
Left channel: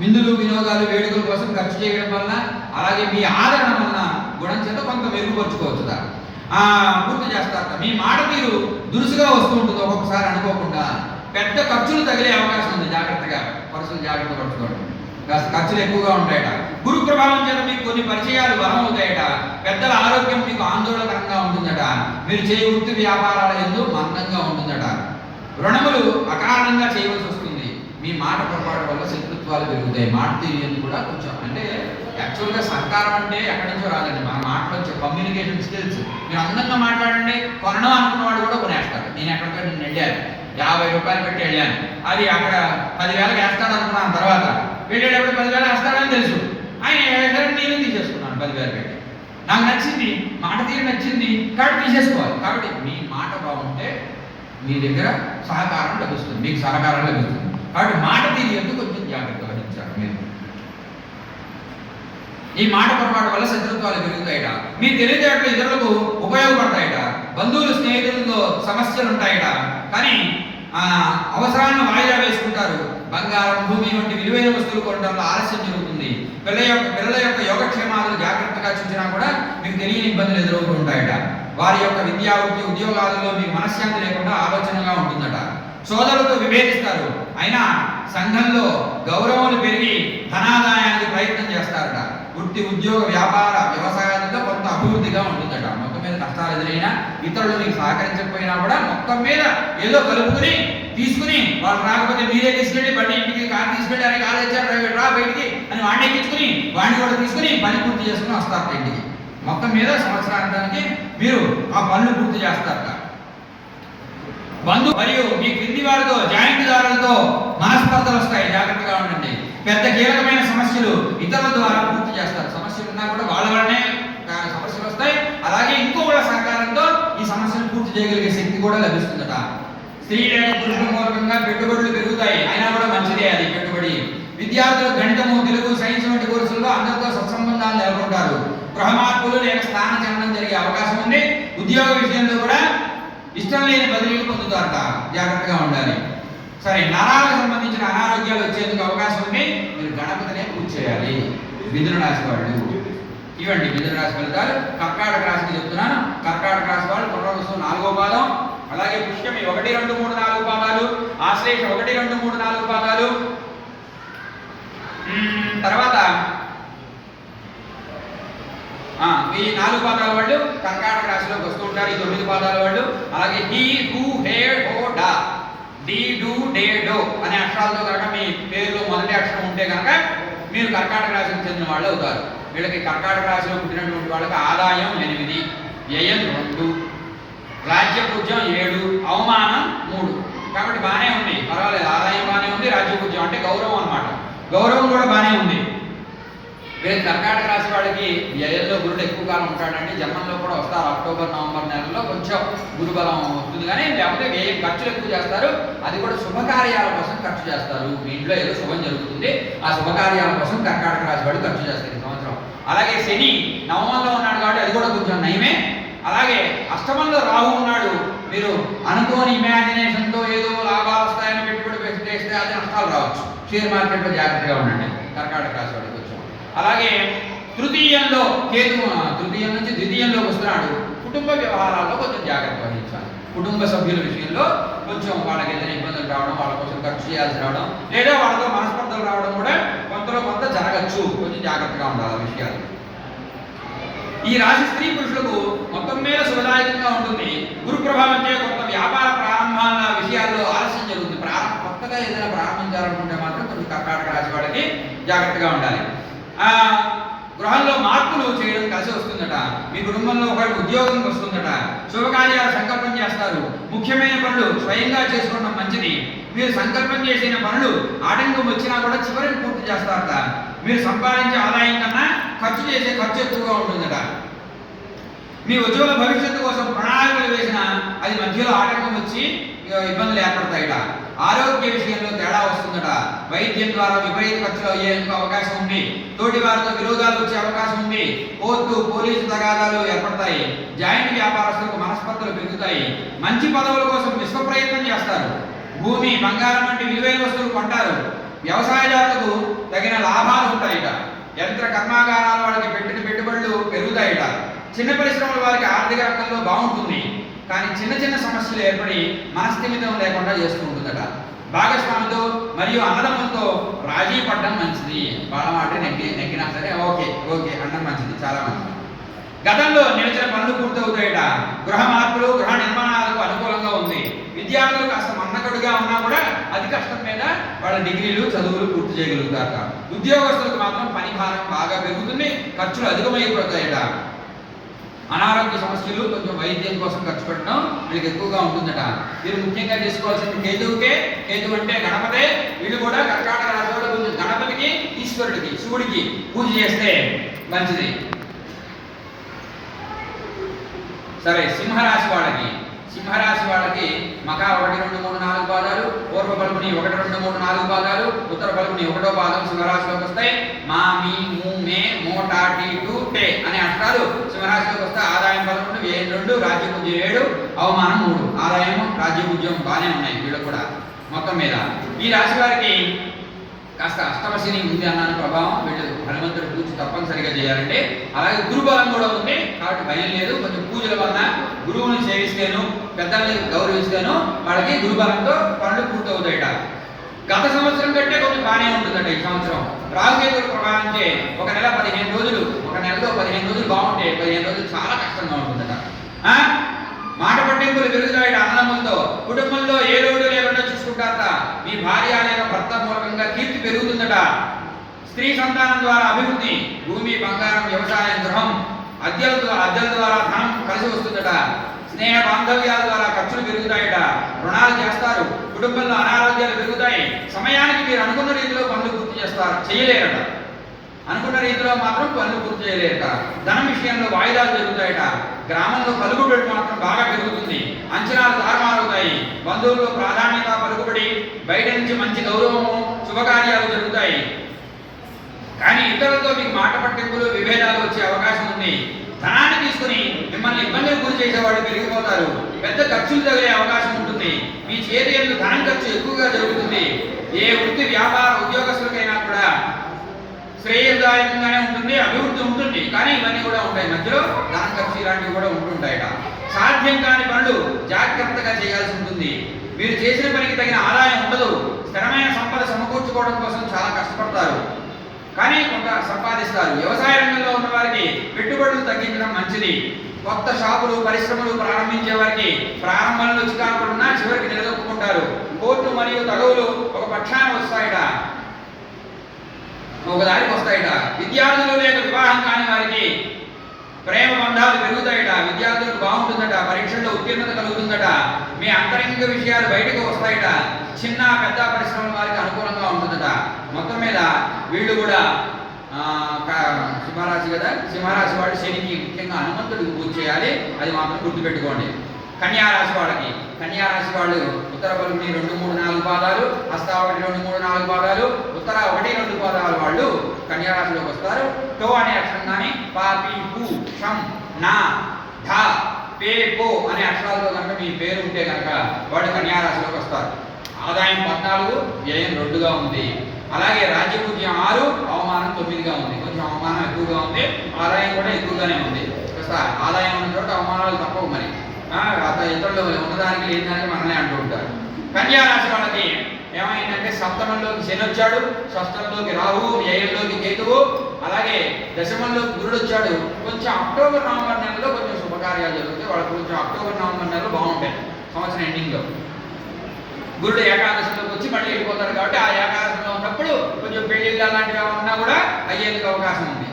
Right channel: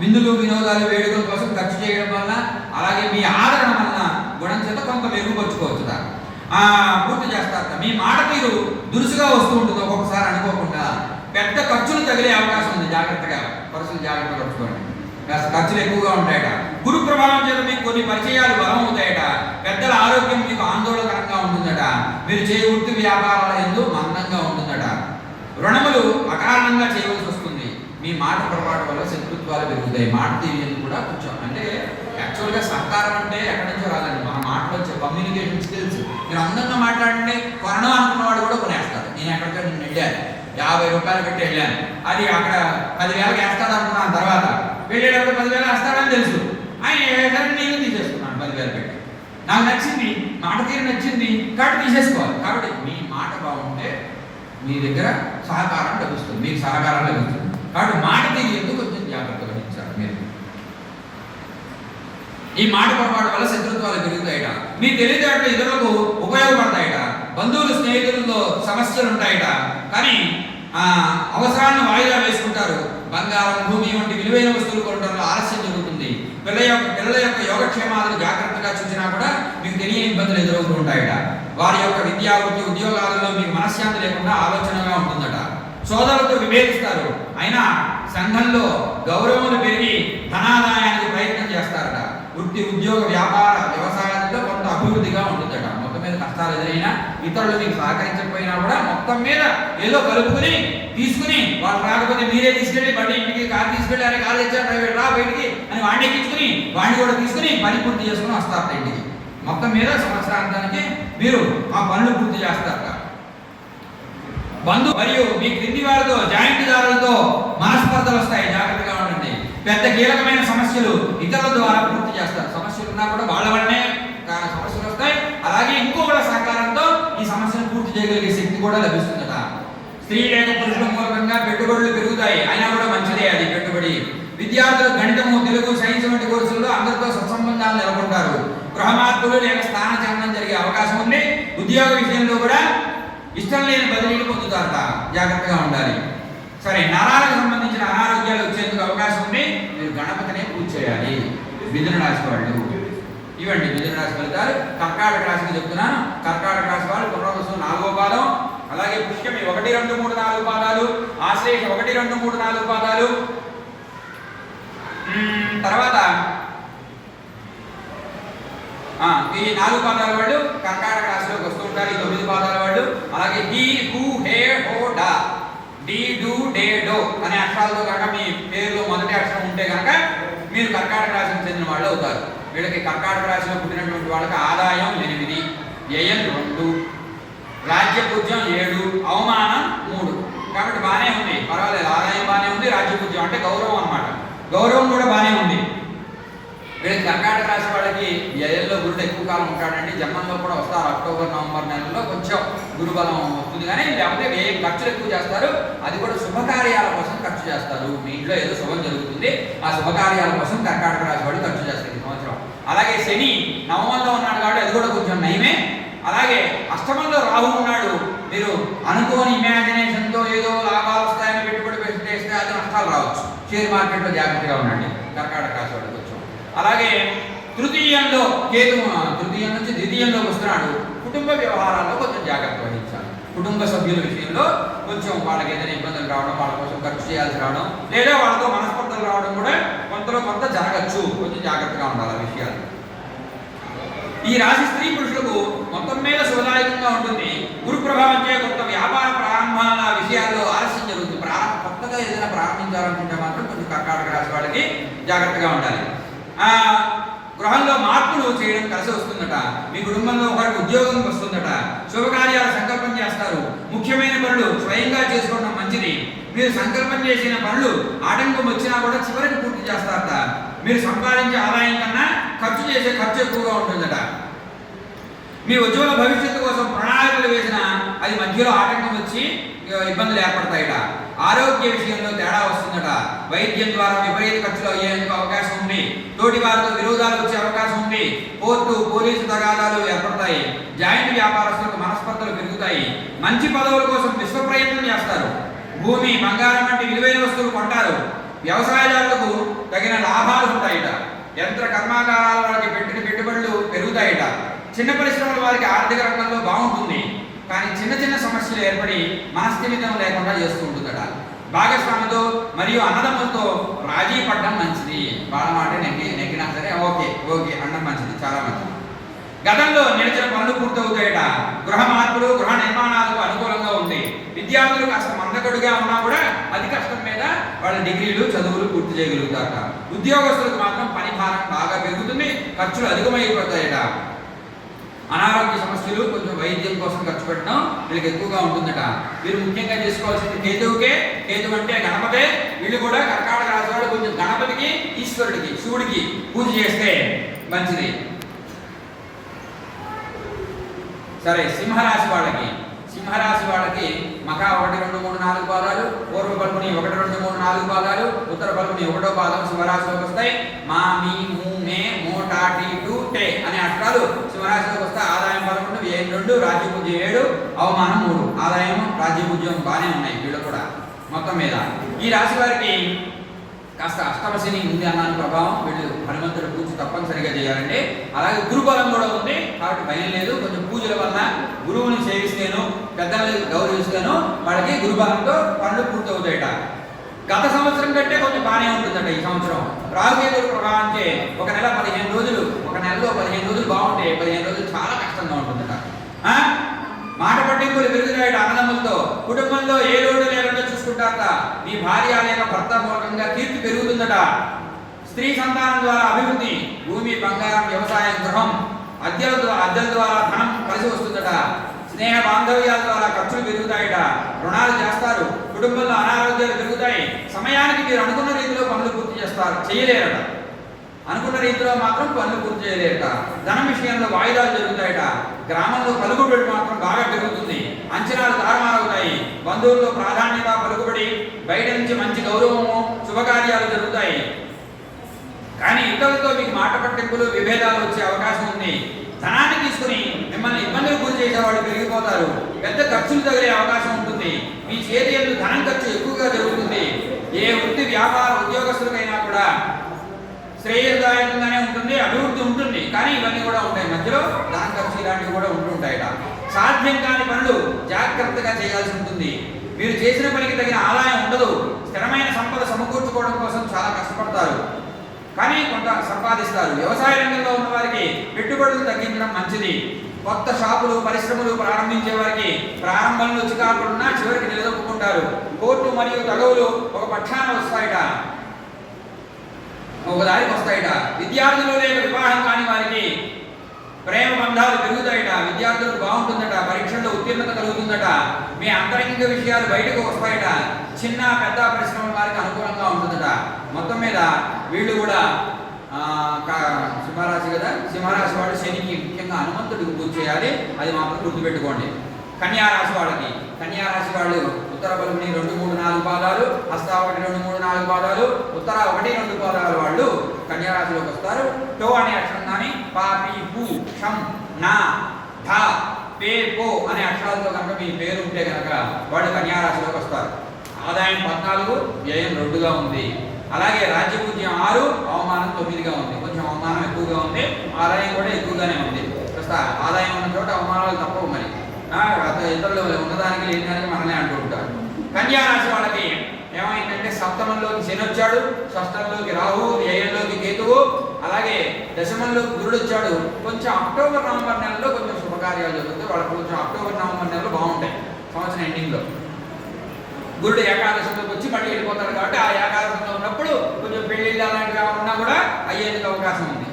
విందులు, వినోదాలు, వేడుకల కోసం ఖర్చు చేయడం వల్ల, అలాగే మీ ఆదరణ వలన గుణం చేత కొంత మెరుగుపరుచుకోవచ్చు. పూర్తి చేస్తారు. మీ మాట తీరు దురుసుగా వస్తూ ఉంటుంది. ఒక్కొక్కసారి అనుకోకుండా పెద్ద ఖర్చులు తగిలే అవకాశం ఉంది. జాగ్రత్తగా ఖర్చులు జాగ్రత్త పరచుకోండి. ఖర్చులు ఎక్కువగా ఉంటాయట. గురు ప్రభావం చేత మీకు కొన్ని పరిచయాలు బలం అవుతాయట. పెద్దల ఆరోగ్యం మీకు ఆందోళనకరంగా ఉంటుందట. మీరు చేయ వృత్తి వ్యాపారాల యందు మందంగా ఉంటుందట. రుణములు అకారణంగా చేయవలసి వస్తుంది. మీ మాట పొరపాటు వల్ల శత్రుత్వాలు పెరుగుతాయి. మాట తీరు కూడా కొంచెం, అంటే యాక్చువల్గా సహకారం అంటే ఎక్కడి నుంచో రాదండి, మన మాటలు వచ్చే కమ్యూనికేషన్ స్కిల్స్. మీరు అందంగా మాట్లాడండి, కొనడం అనుకున్నవాడు కూడా కొనేస్తారు. నేను ఎక్కడికైనా నేను వెళ్ళాను, 50 రూపాయలు పెట్టి వెళ్ళాను, అది అక్కడ 10,000 వేస్తాడు అనుకున్నాను. తర్వాత వెళ్ళేటప్పుడు 10,000 వేస్తాడని తెలుసు, ఆయన నేను తీసేసుకున్నాను 10,000 పెట్టి. నాకు నచ్చింది, మాట తీరు నచ్చింది, కాబట్టి తీసేసుకోవాలి. కాబట్టి మీ మాట బాగుంటే మీ దగ్గర సహకారం లభిస్తుంది, మీకు సహకారం లభిస్తుంది. కాబట్టి మాట తీరు ఎందుకు కొంచెం జాగ్రత్త వహించాలి మీరు. ఈ మాట పొరపాటు వల్ల శత్రుత్వాలు పెరుగుతాయట. మీ తెలివితేటలు ఇతరులకు ఉపయోగపడతాయట. బంధువులు, స్నేహితులతో సమస్యలు ఉంటాయట. కానీ అవసరాన్ని వాయిదా వేసుకుంటారు. బంగారం, భూమి వంటి విలువైన వస్తువులు కొనడంలో ఆలస్యం జరుగుతుంది. పిల్లల యొక్క యోగక్షేమాలను జాగ్రత్తగా చూసినా కూడా మీకు తెలియని ఇబ్బందులు ఎదురవుతూ ఉంటాయట. వారి యొక్క విద్యా, వృత్తి, ఉద్యోగాలలో మీకు మనశ్శాంతి లేకుండా ఆలోచనగా ఉంటుందట. సోదరులతో విభేదిస్తారు. అయినా సంఘంలో గౌరవాలు పెరిగి ధనాదాయానికి ప్రయత్నం చేస్తారట. వృత్తి, ఉద్యోగ, వ్యాపార, వ్యవసాయాలలో కొంత అభివృద్ధిగా ఉంటుందట. మొత్తం మీద కష్టాలు ఎదురైనా, ఇతరులు మీకు సహకరించకపోయినా కూడా మొత్తం మీద ఏదో కలుపుకుని తీసుకుని, వాళ్ళు రాకపోతే మీరే తీసుకెళ్ళి బండి ఇంటికి, కారు తీసుకెళ్ళి, అరే కారు తెచ్చారు డ్రైవర్ రా బయటికి అని వాడిని ఎక్కించుకుని వాడిని కూడా తీసుకుని పని పూర్తి చేసుకుని వస్తారు ఇంటికి. మొత్తం మీద సంవత్సరాంతానికి మీరు ఆ పనులు పూర్తి చేస్తారట. మరియు మీ క్రింది వారితో, జాయింట్దారులతో మనస్పర్ధలు వస్తాయి, జాగ్రత్తగా ఉండండి. పెద్ద కీలకమైన సమస్యలు ఇతరుల ద్వారా పూర్తి చేస్తారు. సమస్యలు ఉన్నా కూడా వాళ్ళ వల్లనే సమస్యలు వస్తాయి. అలాగే ఇంకొకళ్ళ సహకారంతో ఈ సమస్యను పూర్తి చేయగలిగే శక్తి కూడా లభిస్తుందట. స్త్రీ లేక పురుషుల మూలకంగా పెట్టుబడులు పెరుగుతాయి, అయినా కూడా మంచిదే అది పెట్టుబడి. విద్యార్థులు గణితము, తెలుగు, సైన్స్ వంటి కోర్సుల్లో అందరితో సత్సంబంధాలు నెలకొంటారు. గృహమార్పులు లేక స్థానచలనం జరిగే అవకాశం ఉంది. ఉద్యోగ విషయంలో కూడా ఇష్టం లేని బదిలీలు పొందుతారట, జాగ్రత్తగా ఉండాలి. సరే, నరాలకు సంబంధించిన అనారోగ్యాలు వచ్చేందుకు అవకాశం ఉంది. మీరు గణపతినే పూజ చేయాలి. మిథున రాశి వాళ్ళు ఇవ్వండి మిథున రాశి ఫలితాలు. కర్కాటక రాశికి చెప్తున్నాను. కర్కాటక రాశి వాళ్ళు పునర్వసు 4వ పాదం, అలాగే పుష్యమి 1, 2, 3, 4 పాదాలు, ఆశ్లేష 1, 2, 3, 4 పాదాలు, తర్వాత ఈ 4 పాదాల వాళ్ళు కర్కాటక రాశిలోకి వస్తూ ఉంటారు. ఈ 9 పాదాల వాళ్ళు. అలాగే హీ, హూ, హే, హో, డా, డి, డు, డే, డో అనే అక్షరాలతో కనుక మీ పేరులో మొదటి అక్షరం ఉంటే కనుక మీరు కర్కాటక రాశికి చెందిన వాళ్ళు అవుతారు. వీళ్ళకి కర్కాటక రాశిలో పుట్టినటువంటి వాళ్ళకి ఆదాయం 8, వ్యయం 2, రాజ్యపూజ్యం 7, అవమానం 3. కాబట్టి బాగానే ఉంది, పర్వాలేదు. ఆదాయం బాగానే ఉంది, రాజ్యపూజ్యం అంటే గౌరవం అన్నమాట. గౌరవం కూడా బాగానే ఉంది. వీళ్ళకి కర్కాటక రాశి వాళ్ళకి వ్యయంలో గురుడు ఎక్కువ కాలం ఉంటాడండి. జన్మంలో కూడా వస్తారు. అక్టోబర్ నవంబర్ నెలల్లో కొంచెం గురుబలం వస్తుంది, కానీ లేకపోతే వ్యయం ఖర్చులు ఎక్కువ చేస్తారు. అది కూడా శుభకార్యాల కోసం ఖర్చు చేస్తారు. మీ ఇంట్లో ఏదో శుభం జరుగుతుంది, ఆ శుభకార్యాల కోసం కర్కాటక రాశి వాళ్ళు ఖర్చు చేస్తారు ఈ సంవత్సరం. అలాగే శని నవమంలో ఉన్నాడు కాబట్టి అది కూడా కొంచెం నయమే. అలాగే అష్టమంలో రాహు ఉన్నాడు. మీరు అనుకోని ఇమాజినేషన్తో ఏదో లాభాలు వస్తాయని పెట్టుబడి చేస్తే అది నష్టాలు రావచ్చు. షేర్ మార్కెట్లో జాగ్రత్తగా ఉండండి కర్కాటక రాశి వాళ్ళకి కొంచెం. అలాగే తృతీయంలో కేతు తృతీయం నుంచి ద్వితీయంలోకి వస్తున్నాడు. కుటుంబ వ్యవహారాల్లో కొంచెం జాగ్రత్త వహించాలి. కుటుంబ సభ్యుల విషయంలో కొంచెం వాళ్ళకి ఏదైనా ఇబ్బందులు రావడం, వాళ్ళ కోసం ఖర్చు చేయాల్సి రావడం, లేదా వాళ్ళతో మనస్పర్ధలు రావడం కూడా కొంతలో కొంత జరగచ్చు. కొంచెం జాగ్రత్తగా ఉండాలి ఆ విషయాలు. ఈ రాశి స్త్రీ పురుషులకు మొత్తం మీద శుభదాయకంగా ఉంటుంది. గురు ప్రభావం చే కొంత వ్యాపార ప్రారంభాల విషయాల్లో ఆలస్యం జరుగుతుంది. కొత్తగా ఏదైనా ప్రారంభించాలనుకుంటే మాత్రం కొంచెం కర్కాటక రాశి వాళ్ళకి జాగ్రత్తగా ఉండాలి. గృహంలో మార్పులు చేయడం కలిసి వస్తుందట. మీ కుటుంబంలో ఒకరికి ఉద్యోగం వస్తుందట. శుభకార్యాలు సంకల్పం చేస్తారు. ముఖ్యమైన పనులు స్వయంగా చేసుకోవడం మంచిది. మీరు సంకల్పం చేసిన పనులు ఆటంకం వచ్చినా కూడా చివరికి పూర్తి చేస్తారట. మీరు సంపాదించే ఆదాయం కన్నా ఖర్చు చేసే ఖర్చు ఎక్కువగా ఉంటుందట. మీ ఉజ్వల భవిష్యత్తు కోసం ప్రణాళికలు వేసినా అది మధ్యలో ఆటంకం వచ్చి ఇబ్బందులు ఏర్పడతాయిట. ఆరోగ్య విషయంలో తేడా వస్తుందట. వైద్యం ద్వారా విపరీత ఖర్చులు అయ్యేందుకు అవకాశం ఉంది. తోటి వారితో విరోధాలు వచ్చే అవకాశం ఉంది. కోర్టు పోలీసు తగాదాలు ఏర్పడతాయి. జాయింట్ వ్యాపారస్తులకు మనస్పర్ధలు పెరుగుతాయి. మంచి పదవుల కోసం విశ్వ ప్రయత్నం చేస్తారు. భూమి బంగారం వంటి విలువైన వస్తువులు కొంటారు. వ్యవసాయదారులకు తగిన లాభాలు ఉంటాయిట. యంత్ర కర్మాగారాల వాళ్ళకి పెట్టిన పెట్టుబడులు పెరుగుతాయిట. చిన్న పరిశ్రమల వారికి ఆర్థిక రంగంలో బాగుంటుంది, కానీ చిన్న చిన్న సమస్యలు ఏర్పడి మనస్థిమితం లేకుండా చేస్తూ ఉంటుందట. భాగస్వామితో మరియు అన్నదమ్ములతో రాజీ పడడం మంచిది. వాళ్ళ మాట నెగ్గినా సరే ఓకే అనడం మంచిది, చాలా మంచిది. గతంలో నిలిచిన పనులు పూర్తవుతాయట. గృహ మార్పులు గృహ నిర్మాణాలకు అనుకూలంగా ఉంది. విద్యార్థులు కాస్త మందకడుగా ఉన్నా కూడా అతి కష్టం మీద వాళ్ళ డిగ్రీలు చదువులు పూర్తి చేయగలుగుతారట. ఉద్యోగస్తులకు మాత్రం పని భారం బాగా పెరుగుతుంది, ఖర్చులు అధికమైపోతాయట. అనారోగ్య సమస్యలు, కొంచెం వైద్యం కోసం ఖర్చు పెట్టడం వీళ్ళకి ఎక్కువగా ఉంటుందట. వీరు ముఖ్యంగా చేసుకోవాల్సింది కేతువుకే. కేతు అంటే గణపతే. వీళ్ళు కూడా కర్కాటక రాశి వాళ్ళు కొంచెం గణపతికి, ఈశ్వరుడికి, శివుడికి పూజ చేస్తే మంచిది. సరే, సింహరాశి వాళ్ళకి మకా 1, 2, 3, 4 పాదాలు, పూర్వ పలుకుని 1, 2, 3, 4 పాదాలు, ఉత్తర పలుకుని 1వ పాదం సింహరాశిలోకి వస్తాయి. మా, మీ, ము, మే, మో, టా, టీ, టు, టే అనే అక్షరాలు సింహరాశిలోకి వస్తాయి. ఆదాయం 11, వ్యయం 2, రాజ్యపూజ్యం 7, అవమానం 3. ఆదాయం రాజ్యపూజ్యం బాగానే ఉన్నాయి వీళ్ళు కూడా మొత్తం మీద. ఈ రాశి వారికి కాస్త అష్టమశని ఉంది అన్నాను ప్రభావం. వీళ్ళు హనుమంతుడి పూజ తప్పనిసరిగా చేయాలంటే. అలాగే గురుబలం కూడా ఉంది కాబట్టి భయం లేదు. కొంచెం పూజల వల్ల గురువుని సేవిస్తేను, పెద్దల్ని గౌరవిస్తేను వాళ్ళకి గురుబలంతో పనులు పూర్తవుతాయట. గత సంవత్సరం కంటే కొంచెం బాగానే ఉంటుందట ఈ సంవత్సరం. రాహుకేతుల ప్రభావించే ఒక నెలలో 15 రోజులు బాగుంటే 15 రోజులు చాలా కష్టంగా ఉంటుందట. మాట పట్టింపులు పెరుగుతాయట అన్నదమ్ములతో. కుటుంబంలో ఏ లోటు లేకుండా చూసుకుంటారట. మీ భార్య లేక భర్త మూలకంగా కీర్తి పెరుగుతుందట. స్త్రీ సంతానం ద్వారా అభివృద్ధి. భూమి బంగారం, వ్యవసాయం, గృహం, అద్దెల ద్వారా ధనం కలిసి వస్తుందట. స్నేహ బాంధవ్యాల ద్వారా ఖర్చులు పెరుగుతాయట. రుణాలు చేస్తారు. కుటుంబంలో అనారోగ్యాలు పెరుగుతాయి. సమయానికి మీరు అనుకున్న రీతిలో పనులు పూర్తి చేయలేరట. అనుకున్న రీతిలో మాత్రం పనులు పూర్తి చేయలేరట. ధనం విషయంలో వాయిదాలు జరుగుతాయట. గ్రామంలో పలుకుబడి మాత్రం బాగా పెరుగుతుంది. అంచనాలు తారుమారవుతాయి. బంధువుల్లో ప్రాధాన్యత, పలుకుబడి, బయట నుంచి మంచి గౌరవము, శుభకార్యాలు జరుగుతాయి. కానీ ఇతరులతో మీకు మాట పట్టింపులు, విభేదాలు వచ్చే అవకాశం ఉంది. ధనాన్ని తీసుకుని మిమ్మల్ని ఇబ్బందులు గురి చేసేవాళ్ళు పెరిగిపోతారు. పెద్ద ఖర్చులు తగిలే అవకాశం ఉంటుంది. మీ చేతి ఎందు ధనం ఖర్చు ఎక్కువగా జరుగుతుంది. ఏ వృత్తి వ్యాపార ఉద్యోగస్తులకైనా కూడా శ్రేయదాయకంగానే ఉంటుంది, అభివృద్ధి ఉంటుంది. కానీ ఇవన్నీ కూడా ఉంటాయి, మధ్యలో ధనం ఖర్చు ఇలాంటివి కూడా ఉంటుంటాయట. సాధ్యం కాని పనులు జాగ్రత్తగా చేయాల్సి ఉంటుంది. మీరు చేసిన పనికి తగిన ఆదాయం ఉండదు. స్థిరమైన సంపద సమకూర్చుకోవడం కోసం చాలా కష్టపడతారు, కానీ కొంత సంపాదిస్తారు. వ్యవసాయ రంగంలో ఉన్న వారికి పెట్టుబడులు తగ్గించడం మంచిది. కొత్త షాపులు, పరిశ్రమలు ప్రారంభించే వారికి ప్రారంభంలో చికాకులున్నా చివరికి నిలదొక్కుంటారు. కోర్టు మరియు తగవులు ఒక పక్షాన వస్తాయట, ఒక దారికి వస్తాయట. విద్యార్థులు లేక వివాహం కాని వారికి ప్రేమ బంధాలు పెరుగుతాయట, విద్యార్థులకు బాగుంటుందట, పరీక్షల్లో ఉత్తీర్ణత కలుగుతుందట, మీ అంతరంగిక విషయాలు బయటకు వస్తాయట, చిన్న పెద్ద పరిశ్రమల వారికి అనుకూలంగా ఉంటుందట. మొత్తం మీద వీళ్ళు కూడా సింహరాశి కదా, సింహరాశి వాళ్ళు శనికి ముఖ్యంగా హనుమంతుడికి పూజ చేయాలి, అది మాత్రం గుర్తుపెట్టుకోండి. కన్యారాశి వాళ్ళకి, కన్యారాశి వాళ్ళు ఉత్తర పలుకుని 2, 3, 4 పాదాలు, హస్త 1, 2, 3, 4 పాదాలు, ఉత్తర 1, 2 పాదాలు వాళ్ళు కన్యారాశిలోకి వస్తారు. టో అనే అక్షరం కానీ పా పి పు షం నా ఢ పే పో అనే అక్షరాలతో కనుక మీ పేరు ఉంటే కనుక వాళ్ళు కన్యారాశిలోకి వస్తారు. ఆదాయం 14, వ్యయం 2గా ఉంది. అలాగే రాజ్యపూజ్యం 6, అవమానం 9గా ఉంది. కొంచెం అవమానం ఎక్కువగా ఉంది, ఆదాయం కూడా ఎక్కువగానే ఉంది. కాస్త ఆదాయం ఉన్న చోట అవమానాలు తప్పవు. మరి ఇతరులు ఉన్నదానికి లేని దానికి మనల్ని అంటూ ఉంటారు. కన్యారాశి వాళ్ళకి ఏమైందంటే సప్తమంలోకి శని వచ్చాడు, షష్టంలోకి రాహు, వ్యయంలోకి కేతువు, అలాగే దశమంలోకి గురుడు వచ్చాడు. కొంచెం అక్టోబర్ నవంబర్ నెలలో కొంచెం శుభకార్యాలు జరుగుతాయి. వాళ్ళకి కొంచెం అక్టోబర్ నవంబర్ నెలలో బాగుంటాయి. సంవత్సరం ఎండింగ్లో గురుడు ఏకాదశంలోకి వచ్చి మళ్ళీ వెళ్ళిపోతాడు కాబట్టి ఆ ఏకాదశంలో ఉన్నప్పుడు కొంచెం పెళ్లిళ్ళు అలాంటివి ఏమన్నా కూడా అయ్యేందుకు అవకాశం ఉంది.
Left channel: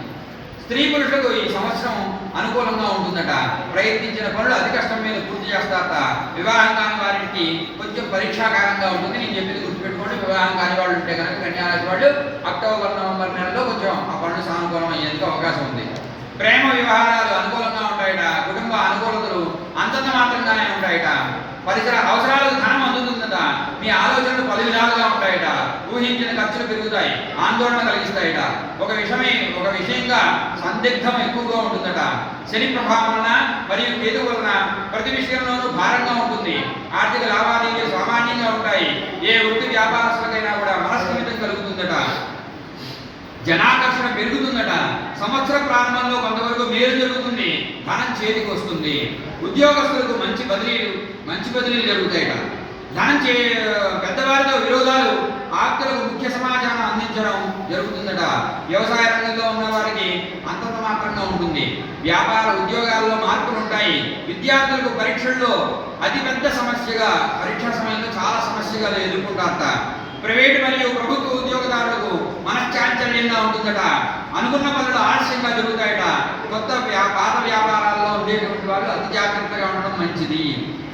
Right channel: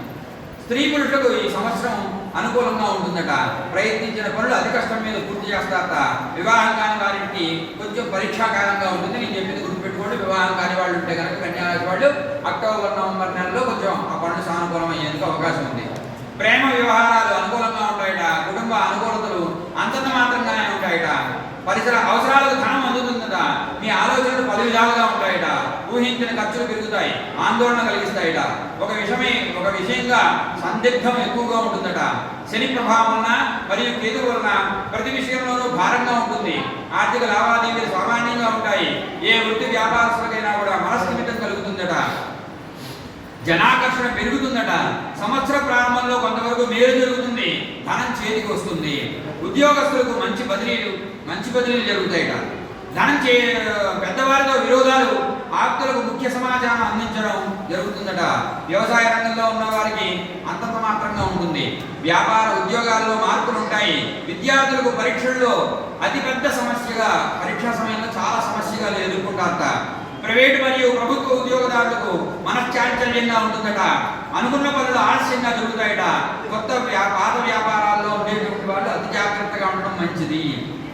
స్త్రీ పురుషులకు ఈ సంవత్సరం అనుకూలంగా ఉంటుందట. ప్రయత్నించిన పనులు అతి కష్టం మీద పూర్తి చేస్తారట. వివాహం కాని వారికి కొంచెం పరీక్షాకాలంగా ఉంటుంది. నేను చెప్పింది గుర్తుపెట్టుకోండి. వివాహం కాని వాళ్ళు ఉంటే కనుక కన్యారాశి వాళ్ళు అక్టోబర్ నవంబర్ నెలలో కొంచెం ఆ పనులు సానుకూలం అయ్యేందుకు అవకాశం ఉంది. ప్రేమ వ్యవహారాలు అనుకూలంగా ఉంటాయట. కుటుంబ అనుకూలతలు అంతంత మాత్రంగానే ఉంటాయట. పరిసర అవసరాలకు ధనం అందుతుందట. మీ ఆలోచనలు పలు విధాలుగా ఉంటాయట. ఊహించిన ఖర్చులు పెరుగుతాయి, ఆందోళన కలిగిస్తాయట. ఒక విషయంగా సందిగ్ధం ఎక్కువగా ఉంటుందట. శని ప్రభావం వలన మరియు కేతు వలన ప్రతి విషయంలోనూ భారంగా ఉంటుంది. ఆర్థిక లావాదేవీలు సామాన్యంగా ఉంటాయి. ఏ వృత్తి వ్యాపారస్తులకైనా కూడా మనస్థిమితం కలుగుతుందట. జనాకర్షణ పెరుగుతుందట. సంవత్సర ప్రారంభంలో కొంతవరకు మేలు జరుగుతుంది, ధనం చేతికి వస్తుంది. ఉద్యోగస్తులకు మంచి బదిలీలు జరుగుతాయట. పెద్దవారితో విరోధాలు, ఆప్తులకు ముఖ్య సమాచారం అందించడం జరుగుతుందట. వ్యవసాయ రంగంలో ఉన్న వారికి అంతంత మాత్రంగా ఉంటుంది. వ్యాపార ఉద్యోగాల్లో మార్పులు ఉంటాయి. విద్యార్థులకు పరీక్షల్లో అతిపెద్ద సమస్యగా, పరీక్షా సమయంలో చాలా సమస్యగా ఎదుర్కొంటారట. ప్రైవేటు మరియు ప్రభుత్వ ఉద్యోగదారులకు మనశ్చాంచల్యంగా ఉంటుందట. అనుకున్న పనులు ఆలస్యంగా జరుగుతాయట. పాత వ్యాపారాల్లో ఉండేటువంటి వాళ్ళు అతి జాగ్రత్తగా ఉండడం మంచిది.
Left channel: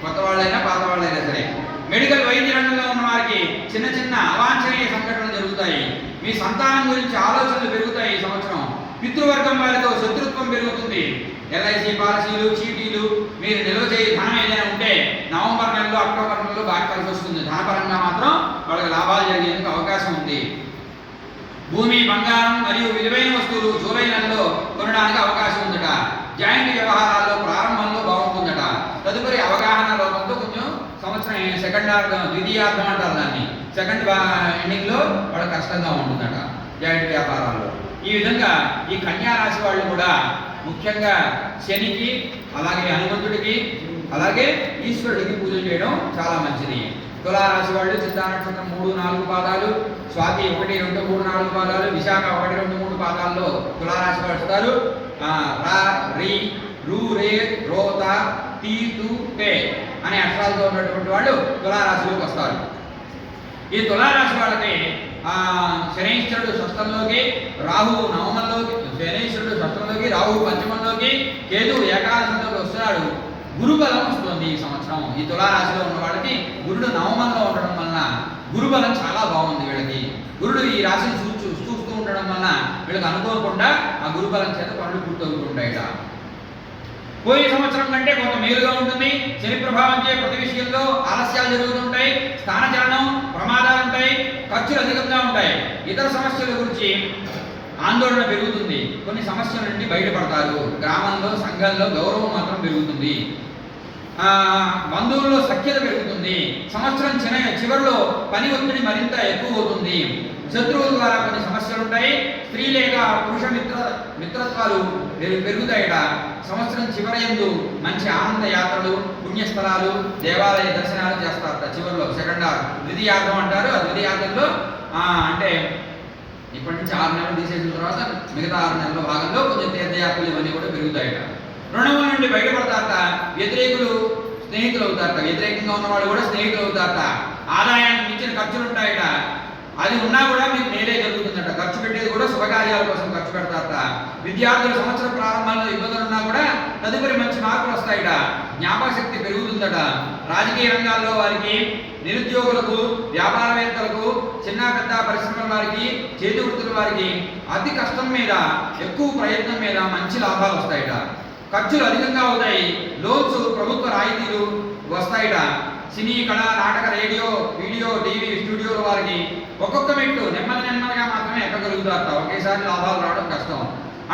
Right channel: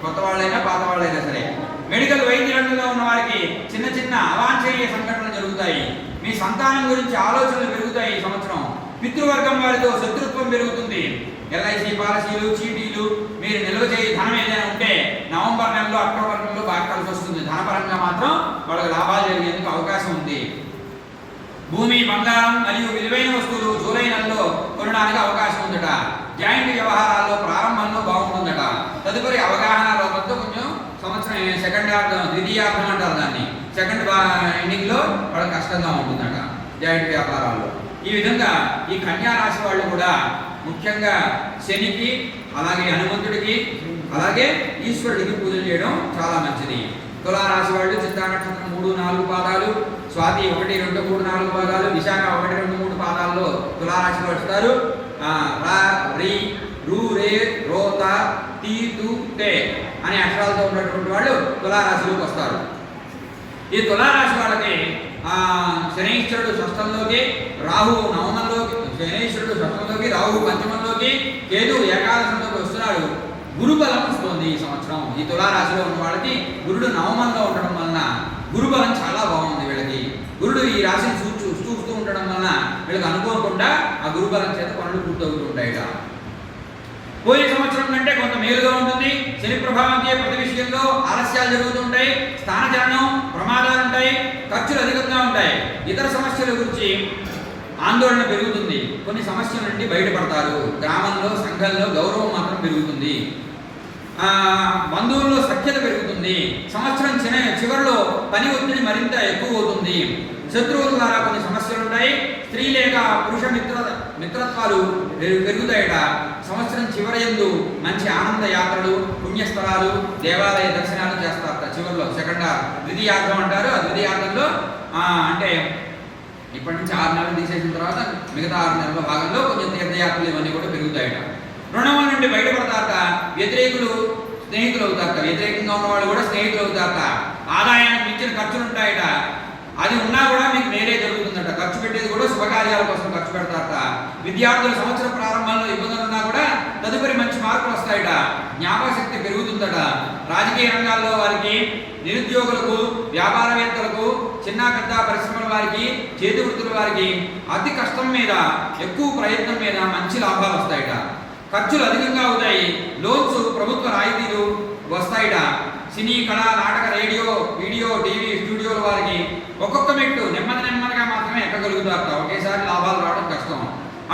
కొత్త వాళ్ళైనా పాత వాళ్ళైనా సరే. మెడికల్ వైద్య రంగంలో ఉన్న వారికి చిన్న చిన్న అవాంఛనీయ సంఘటనలు జరుగుతాయి. మీ సంతానం గురించి ఆలోచనలు పెరుగుతాయి. ఈ సంవత్సరం పితృవర్గం వారితో శత్రుత్వం పెరుగుతుంది. ఎల్ఐసి పాలసీలు, చీటీలు, మీరు నిల్వ చేయ ధనం ఏదైనా ఉంటే నవంబర్ నెలలో, అక్టోబర్ నెలలో బాగా కలిసి వస్తుంది. ధనపరంగా మాత్రం వాళ్ళకి లాభాలు జరిగేందుకు అవకాశం ఉంది. భూమి, బంగారం మరియు విలువైన వస్తువులు జూలై నెలలో కొనడానికి అవకాశం ఉందట. జాయింట్ వ్యవహారాల్లో ప్రారంభంలో బాగుంటుందట. తదుపరి అవగాహన లోపంతో కొంచెం సంవత్సరం ద్వితీయార్థం అంటారు దాన్ని, సెకండ్ ఎండింగ్లో వాళ్ళకి కష్టంగా ఉంటుందట జాయింట్ వ్యాపారాల్లో. ఈ విధంగా ఈ కన్యారాశి వాళ్ళు కూడా ముఖ్యంగా శనికి, అలాగే హనుమంతుడికి, అలాగే ఈశ్వరుడికి పూజలు చేయడం చాలా మంచిది. తులారాశి వాళ్ళు చిత్తా నక్షత్రం 3, 4 పాదాలు, స్వాతి 1, 2, 3, 4 పాదాలు, విశాఖ 1, 2, 3 పాదాల్లో తులారాశి వాళ్ళు వస్తారు. రా, రి, రు, రే, రోత, టీ, తు, తే అనే అక్షరాలతో ఉన్నటువంటి వాళ్ళు తులారాశిలోకి వస్తారు. ఈ తులారాశి వాళ్ళకి శనైశ్వరుడు షష్టంలోకి, రాహు నవమంలోకి, శనైశ్వరుడు షష్టంలోకి, రాహు పంచమంలోకి, కేతు ఏకాదశంలోకి వస్తున్నాడు. గురుబలం వస్తుంది ఈ సంవత్సరం. ఈ తులారాశిలో ఉన్న వాళ్ళకి గురుడు నవమంలో ఉండడం వలన గురుబలం చాలా బాగుంది. వీళ్ళకి గురుడు ఈ రాశిని చూస్తూ ఉండడం వలన వీళ్ళకి అనుకోకుండా ఆ గురుబలం చేత పనులు పూర్తవుతూ ఉంటాయట. పోయిన సంవత్సరం కంటే కొంత మేలుగా ఉంటుంది. శని ప్రభావం చే ప్రతి విషయంలో ఆలస్యాలు జరుగుతుంటాయి. స్థానచలనం, ప్రమాదాలు ఉంటాయి. ఖర్చులు అధికంగా ఉంటాయి. ఇతర సమస్యల గురించి ఆందోళన పెరుగుతుంది. కొన్ని సమస్యల నుండి బయటపడతారు. గ్రామంలో, సంఘంలో గౌరవం మాత్రం పెరుగుతుంది. బంధువుల్లో సఖ్యత పెరుగుతుంది. సంవత్సరం చివరిలో పని ఒత్తిడి మరింత ఎక్కువ అవుతుంది. శత్రువుల ద్వారా కొన్ని సమస్యలు ఉంటాయి. స్త్రీ లేక పురుష మిత్రత్వాలు పెరుగుతాయట. సంవత్సరం చివరయందు మంచి ఆనంద యాత్రలు, పుణ్యస్థలాలు, దేవాలయ దర్శనాలు చేస్తారట. చివరిలో ద్వితీయార్థం అంటారు. ఆ ద్వితీయార్థంలో అంటే ఇప్పటి నుంచి 6 నెలలు తీసేసిన తర్వాత మిగతా 6 నెలల భాగంలో కొంచెం తీర్థయాత్రలు ఇవన్నీ కూడా పెరుగుతాయట. రుణముల నుండి బయటపడతారట. వ్యతిరేకులు స్నేహితులు అవుతారట. వ్యతిరేకంగా ఉన్న వాళ్ళు కూడా స్నేహితులు అవుతారట. ఆదాయానికి మించిన ఖర్చులు ఉంటాయట. అది ఉన్నా కూడా మీకు మేలే జరుగుతుందట. ఖర్చు పెట్టేది కూడా శుభ శుభకార్యాల కోసం ఖర్చు పెడతారట. విద్యార్థుల సంవత్సరం ప్రారంభంలో ఇబ్బందులు ఉన్నా కూడా తదుపరి మంచి మార్కులు వస్తాయట. జ్ఞాపకశక్తి పెరుగుతుందట. రాజకీయ రంగాల్లో వారికి, నిరుద్యోగులకు, వ్యాపారవేత్తలకు, చిన్న పెద్ద పరిశ్రమల వారికి, చేతి వృత్తుల వారికి అతి కష్టం మీద, ఎక్కువ ప్రయత్నం మీద మంచి లాభాలు వస్తాయట. ఖర్చులు అధికంగా అవుతాయి. లోన్స్, ప్రభుత్వ రాయితీలు వస్తాయట. సినీ, కళ, నాటక, రేడియో, వీడియో, టీవీ స్టూడియోల వారికి ఒక్కొక్క మెట్టు నెమ్మదిగా మాత్రమే ఎక్కగలుగుతారట. ఒకేసారి లాభాలు రావడం కష్టం.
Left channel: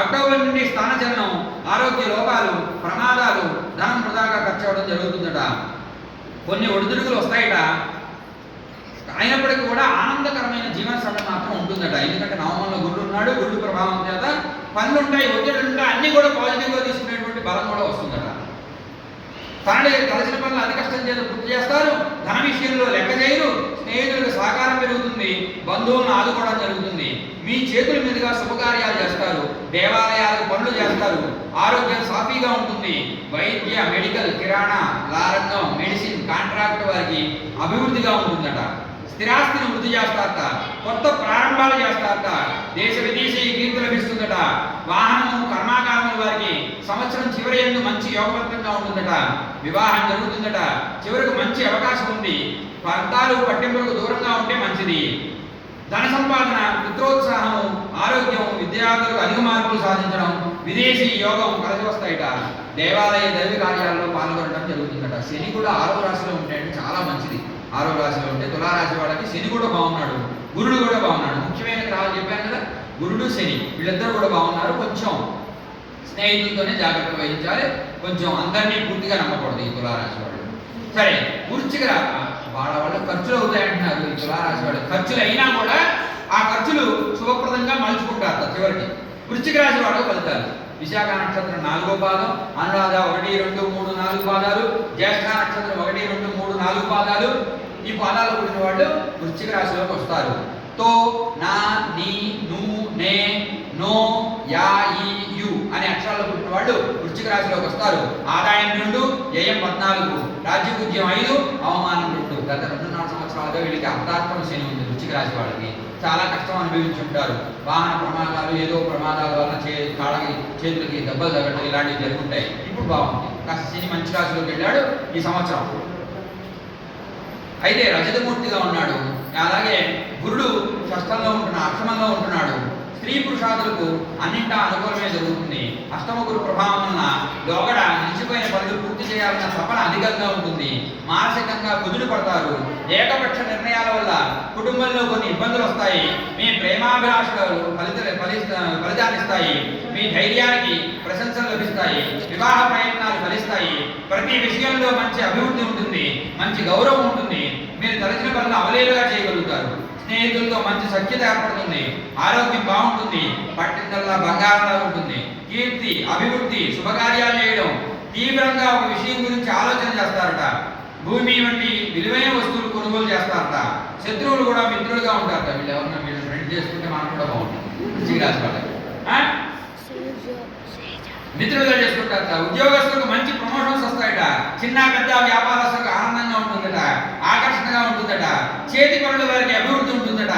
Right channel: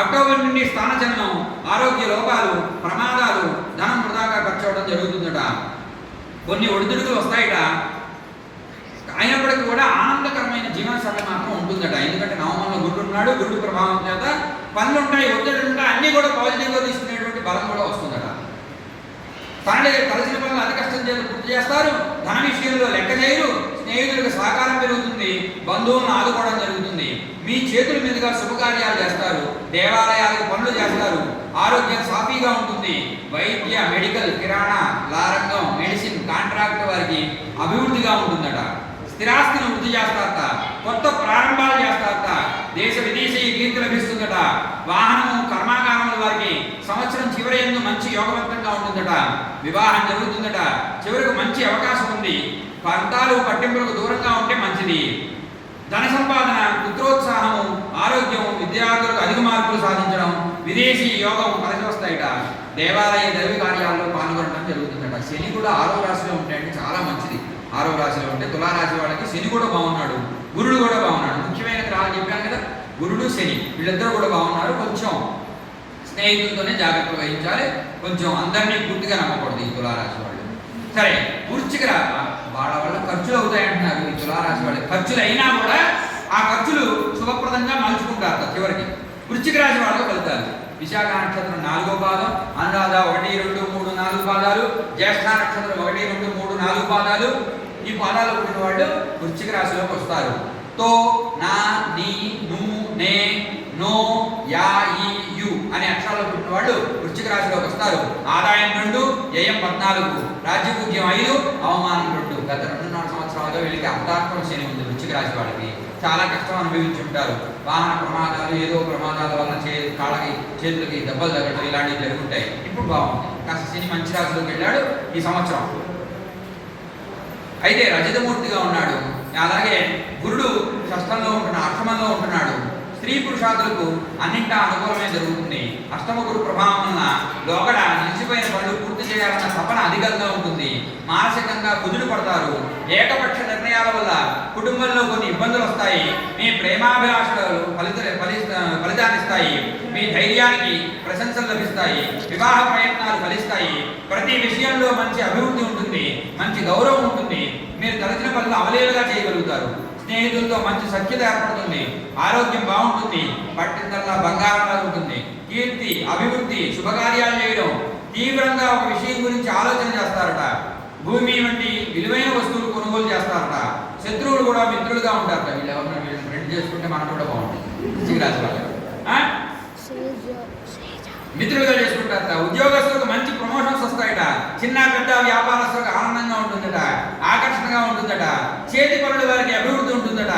అక్టోబర్ నుండి స్థానచలనం, ఆరోగ్య లోపాలు, ప్రమాదాలు, ధనం వృధాగా ఖర్చు అవడం జరుగుతుందట. కొన్ని ఒడిదుడుకులు వస్తాయట. అయినప్పటికీ కూడా ఆనందకరమైన జీవన శైలి మాత్రం ఉంటుందట. ఎందుకంటే నవమంలో గురుడు ఉన్నాడు. గురుడు ప్రభావం చేత పనులుంటాయి, ఒత్తిడి ఉంటాయి, అన్నీ కూడా పాజిటివ్గా తీసుకునేటువంటి బలం కూడా వస్తుందట. కలిసిన పనులు అతి కష్టం చేత పూర్తి చేస్తారు. ధన విషయంలో లెక్క చేయరు. స్నేహితులకు సహకారం పెరుగుతుంది. బంధువులను ఆదుకోవడం జరుగుతుంది. మీ చేతుల మీదుగా శుభకార్యాలు చేస్తారు. దేవాలయాలకు పనులు చేస్తారు. ఆరోగ్యం సాఫీగా ఉంటుంది. వైద్య, మెడికల్, కిరాణా, రంగం, మెడిసిన్, కాంట్రాక్ట్ వారికి అభివృద్ధిగా ఉంటుందట. స్థిరాస్తిని వృద్ధి చేస్తారట. కొత్త ప్రారంభాలు చేస్తారట. దేశ విదేశీ కీర్తి లభిస్తుందట. వాహనము, కర్మాగారముల వారికి సంవత్సరం చివరి యందు మంచి యోగవంతంగా ఉంటుందట. వివాహం జరుగుతుందట. చివరికి మంచి అవకాశం ఉంది. పంతాలు, పట్టింపులకు దూరంగా ఉంటే మంచిది. ధన సంపాదన, పుత్రోత్సాహము, ఆరోగ్యం, విద్యార్థులకు అధిక మార్కులు సాధించడం, విదేశీ యోగం కలిసి వస్తాయట. దేవాలయ దైవ కార్యాల్లో పాల్గొనడం జరుగుతుందట. శని కూడా 6వ రాశిలో ఉంటాయంటే చాలా మంచిది. 6వ రాశిలో ఉంటే తులారాశి వాళ్ళకి శని కూడా బాగున్నాడు, గురుడు కూడా బాగున్నాడు. ముఖ్యమైన గ్రహాలు చెప్పాను కదా, గురుడు, శని వీళ్ళిద్దరూ కూడా బాగున్నారు. కొంచెం స్నేహితులతోనే జాగ్రత్త వహించాలి. కొంచెం అందరినీ పూర్తిగా నమ్మకూడదు ఈ తులారాశి వాళ్ళు. సరే, వృశ్చిక వాళ్ళ ఖర్చులు అవుతాయంటున్నారు. ఈ తులారాశి వాళ్ళకి ఖర్చులు అయినా కూడా ఆ ఖర్చులు శుభప్రదంగా మలుచుకుంటారు చివరికి. వృశ్చిక రాశి వాళ్ళకు ఫలితాలు: విశాఖ నక్షత్రం 4వ పాదం, అనురాధ 1, 2, 3, 4 పాదాలు, జ్యేష్ఠ నక్షత్రం 1, 2, 3, 4 పాదాలు. ఈ పాదాలు పుట్టిన వాళ్ళు వృశ్చిక రాశిలోకి వస్తారు. తో, నా, నీ, ను, నే, నో, యా, ఈ, యు అనే అక్షరాలు పుట్టిన వాళ్ళు వృశ్చిక రాశిలోకి వస్తారు. ఆదాయం 2, వ్యయం 14, రాజ్యపూజ్యం 5, అవమానం 2. గత 2.5 సంవత్సరాలుగా వీళ్ళకి అర్ధార్థం శని ఉంది. వృశ్చిక రాశి వాళ్ళకి చాలా కష్టం అనుభవించి ఉంటారు. వాహన ప్రమాదాలు, ఏదో ప్రమాదాల వల్ల కాళ్ళకి, చేతులకి దెబ్బలు తగ్గడం ఇలాంటివి జరుగుతాయి. ఇప్పుడు బాగుంది. కాస్త శని మంచి రాశిలోకి వెళ్ళాడు ఈ సంవత్సరం. అయితే రజతమూర్తిగా ఉన్నాడు. అలాగే గురుడు షష్టంలో ఉంటున్నాడు, అష్టమంలో ఉంటున్నాడు. స్త్రీ పురుషాదులకు అన్నింటా అనుకూలమే జరుగుతుంది. అష్టమ గురు ప్రభావం వలన లోగడ నిలిచిపోయిన పనులు పూర్తి చేయాలన్న తపన అధికంగా ఉంటుంది. మానసికంగా కుదురు పడతారు. ఏకపక్ష నిర్ణయాల వల్ల కుటుంబంలో కొన్ని ఇబ్బందులు వస్తాయి. మీ ప్రేమాభిలాషలు ఫలితాన్నిస్తాయి. మీ ధైర్యానికి ప్రశంసలు లభిస్తాయి. వివాహ ప్రయత్నాలు ఫలిస్తాయి. ప్రతి విషయంలో మంచి అభివృద్ధి ఉంటుంది. మంచి గౌరవం ఉంటుంది. మీరు తలచిన పనులు అవలేలుగా చేయగలుగుతారు. స్నేహితులతో మంచి సఖ్యత ఏర్పడుతుంది. ఆరోగ్యం బాగుంటుంది. పట్టిందల్లా బంగారంగా ఉంటుంది. కీర్తి, అభివృద్ధి, శుభకార్యాలు చేయడం, తీవ్రంగా ఒక విషయం గురించి ఆలోచన చేస్తారట. భూమి వంటి విలువైన వస్తువులు కొనుగోలు చేస్తారట. శత్రువులు కూడా మిత్రులుగా ఉంటారట. వీళ్ళు ఎవరన్నా వీళ్ళని ఫ్రెండ్ చేసుకుంటే మనం కూడా బాగుంటుంది. వృశ్చిక రాశి వాళ్ళకి మిత్రులుగా చేసుకుంటారట. ఉద్యోగస్తులకు మంచి ప్రమోషన్స్ వస్తాయట. చిన్న పెద్ద వ్యాపారస్తులకు ఆనందంగా ఉంటుందట. ఆకర్షణగా ఉంటుందట. చేతి పనుల వారికి అభివృద్ధి ఉంటుందట.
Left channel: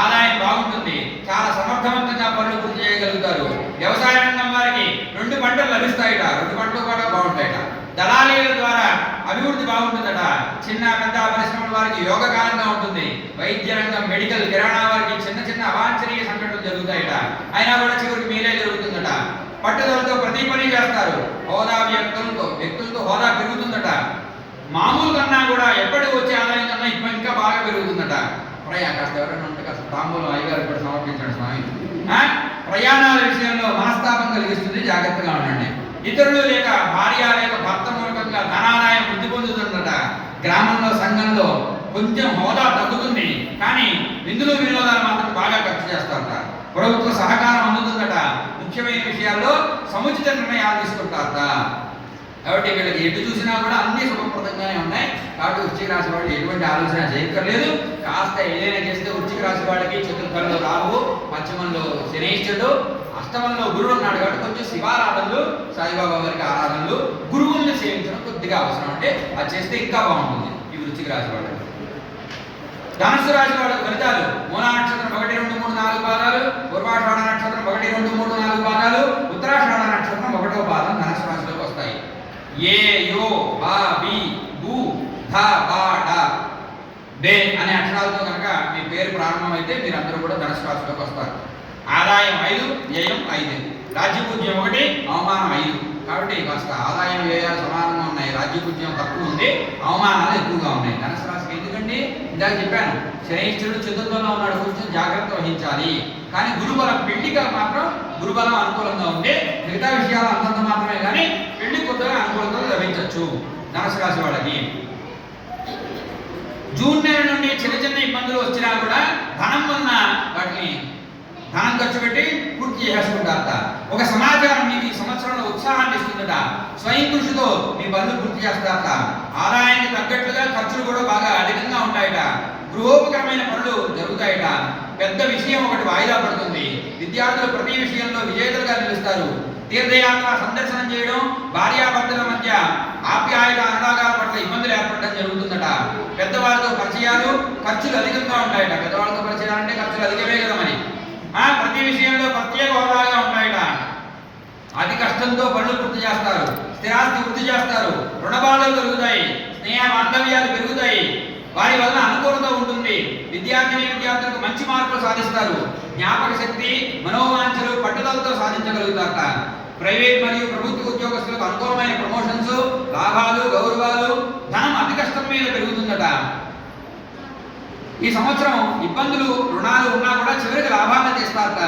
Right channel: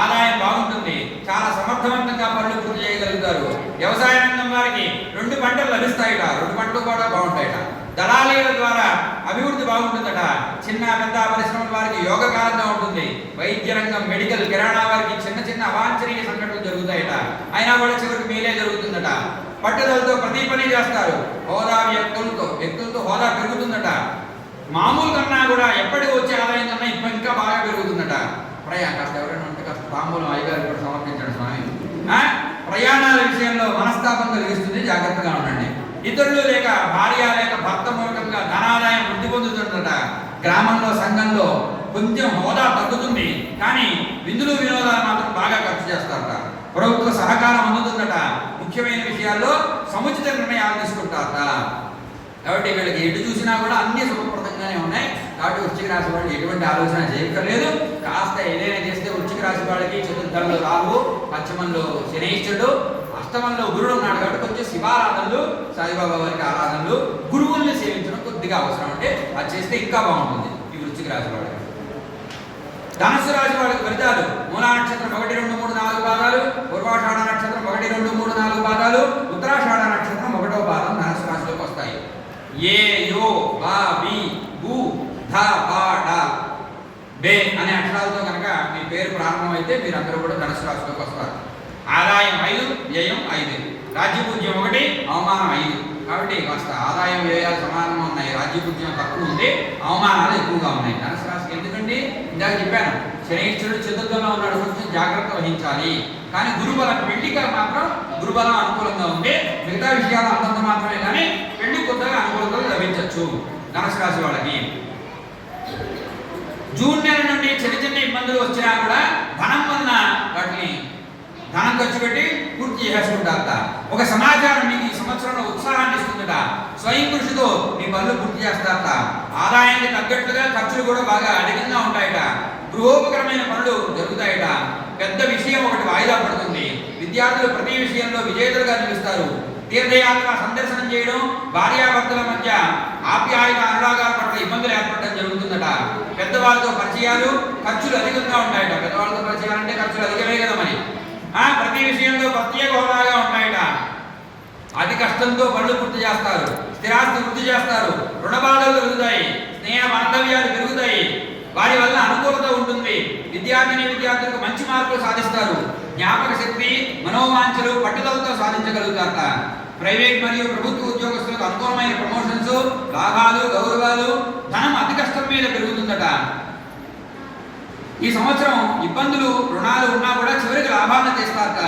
ఆదాయం బాగుంటుంది. చాలా సమర్థవంతంగా పనులు పూర్తి చేయగలుగుతారు. వ్యవసాయ రంగం వారికి 2 పంటలు లభిస్తాయట. 2 పంటలు కూడా బాగుంటాయట. దళాలీల ద్వారా అభివృద్ధి బాగుంటుందట. చిన్న పెద్ద పరిశ్రమల వారికి యోగకాలంగా ఉంటుంది. వైద్య రంగం, మెడికల్, కిరాణా వారికి చిన్న అవాంఛనీయ సంఘటనలు జరుగుతాయట. అయినా కూడా చివరికి మేలే జరుగుతుందట. పట్టుదలతో ప్రతి పని చేస్తారు. హోదా వ్యక్తులతో హోదా పెరుగుతుందట. మామూలు కన్నా కూడా ఎప్పటి వచ్చే ఆదాయం కన్నా ఇప్పుడు ఇంకా బాగా పెరుగుతుందట. కాస్త ఎవరైనా ఉంటే కాస్త తాంబూలం అయ్యగారు కూడా సమర్పించండి స్వామి. ప్రయాణాల విషయంలో మనస్తాపం కలిగిస్తుంది. జాగ్రత్తగా ఉండండి. ఇతరులు లేక భార్య లేక భర్త మూలకంగా ధనాదాయం వృద్ధి పొందుతుందట. గ్రామంలో, సంఘంలో కొంచెం హోదా తగ్గుతుంది. కానీ విందులు వినోదాలు మాత్రం బాగా ఖర్చు చేస్తారట. ప్రభుత్వ సహకారం అందుతుందట. ముఖ్యమైన విషయాల్లో సముచిత నిర్ణయాలు తీసుకుంటారట. కాబట్టి వీళ్ళకి ఎటు చూసినా కూడా అన్ని శుభప్రదంగానే ఉన్నాయి. కాబట్టి వృశ్చిక రాశి వాళ్ళు ఎటువంటి ఆలోచన చేయక్కర్లేదు. కాస్త ఏదైనా చేస్తే వృశ్చిక రాశి వాళ్ళకి చతుర్థంలో రాహువు, పశ్చిమంలో శనైశ్వరుడు, అష్టమంలో గురుడు ఉన్నాడు. కాబట్టి కొంచెం శివారాధనలు, సాయిబాబా వారికి ఆరాధనలు, గురువుల్ని సేవించడం కొద్దిగా అవసరం. అంటే అది చేస్తే ఇంకా బాగుంటుంది ఈ వృశ్చిక రాశి వాళ్ళకి. ధనుస్సు రాశి వాళ్ళకి ఫలితాలు: మూలా నక్షత్రం 1, 2, 3, 4 పాదాలు, పూర్వాషాఢ నక్షత్రం ఏ యో బా బి బు ధ బా డ బే అనే అక్షరాలతో కనుక మీ పేరు ప్రారంభమైతే మీరందరూ కూడా ధనుసు రాశిలోకి వస్తారు. ఆదాయం 5, వ్యయం 5, రాజ్యపూజ్యం 1, అవమానం 5. కాబట్టి కాస్త ఆదాయం వ్యయాలు సమానంగా ఉన్నాయి, రాజ్యపూజ్యం తక్కువ ఉంది, అవమానాలు ఎక్కువగా ఉన్నాయి ధనుసు రాశికి. ఎందుకంటే ఇందాక చెప్పాను, శనైశ్వరుడు చతుర్థంలో ఉన్నాడు, కొంచెం జాగ్రత్త వహించాలి. కానీ గురుబలం పెళ్లిగా మాత్రం గురుబలం అనుకూలంగా ఉంది, మిగతా విషయాలు అంతంత మాత్రమే. కానీ పెళ్లి కొత్తగా అనుకూలంగా లభించవచ్చు ధనుసు రాశి వాళ్ళకి. జూన్ నెల నుండి చిన్న చిన్న ఇబ్బందులు వచ్చినా కూడా ధనం వలన వాటిని ధనం ఖర్చు పెట్టి పూర్తి చేసుకుంటారట. ఒక సమాచారం మీకు ఈ సంవత్సరంలో ఉత్సాహాన్ని ఇస్తుందట. స్వయం కృషితో మీ పనులు పూర్తి చేస్తారట. ఆదాయానికి తగ్గట్లుగా ఖర్చులు కూడా బాగా అధికంగా ఉంటాయట. గృహోపకరమైన పనులు జరుగుతాయట. పెద్ద విషయం ఒకటి వాయిదా పడుతుంది. విద్యార్థులు ప్రతి విషయంలో విజేతలుగా నిలుస్తారు. తీర్థయాత్ర సందర్శనం చేయడం, భార్యాభర్తల మధ్య ఆప్యాయత అనురాగాల పట్ల ఇబ్బందులు ఏర్పడడం జరుగుతుందట. పెద్దవాళ్ళతో పరిచయాలు, ఖర్చులు అధికంగా ఉంటాయట. పెద్దవాళ్ళతో పరిచయాలు అంటే ఖర్చులు అధికమే కదా మరి. ప్రతి విషయంలో ప్రత్యేక హోదాగా ఉంటాయట. అతి కష్టంతో పనులు పూర్తి చేస్తారు. స్థిరాస్తి వృద్ధి చేస్తారు. రుణబాధలు పెరుగుతాయి. స్నేహ బాంధవ్యాలు పెరుగుతాయి. వారి వల్ల అనుకూలత ఉంటుంది. విద్యార్థులకు మంచి మార్కులు సాధిస్తారు. జ్ఞాపక శక్తి, మనోవాంఛలు పట్టుదలతో సాధించగలుగుతారట. ప్రైవేట్ మరియు ప్రభుత్వ ఉద్యోగస్తులకు అనుకూలమైన ప్రమోషన్స్, లాభాలు, గౌరవాలు, ధనం అతి కష్టం మీద పెరుగుతుందట. ఈ సంవత్సరం ఇబ్బందులు, రుణాలు ఉన్నా కూడా చివరికి లాభాలను తెస్తారట.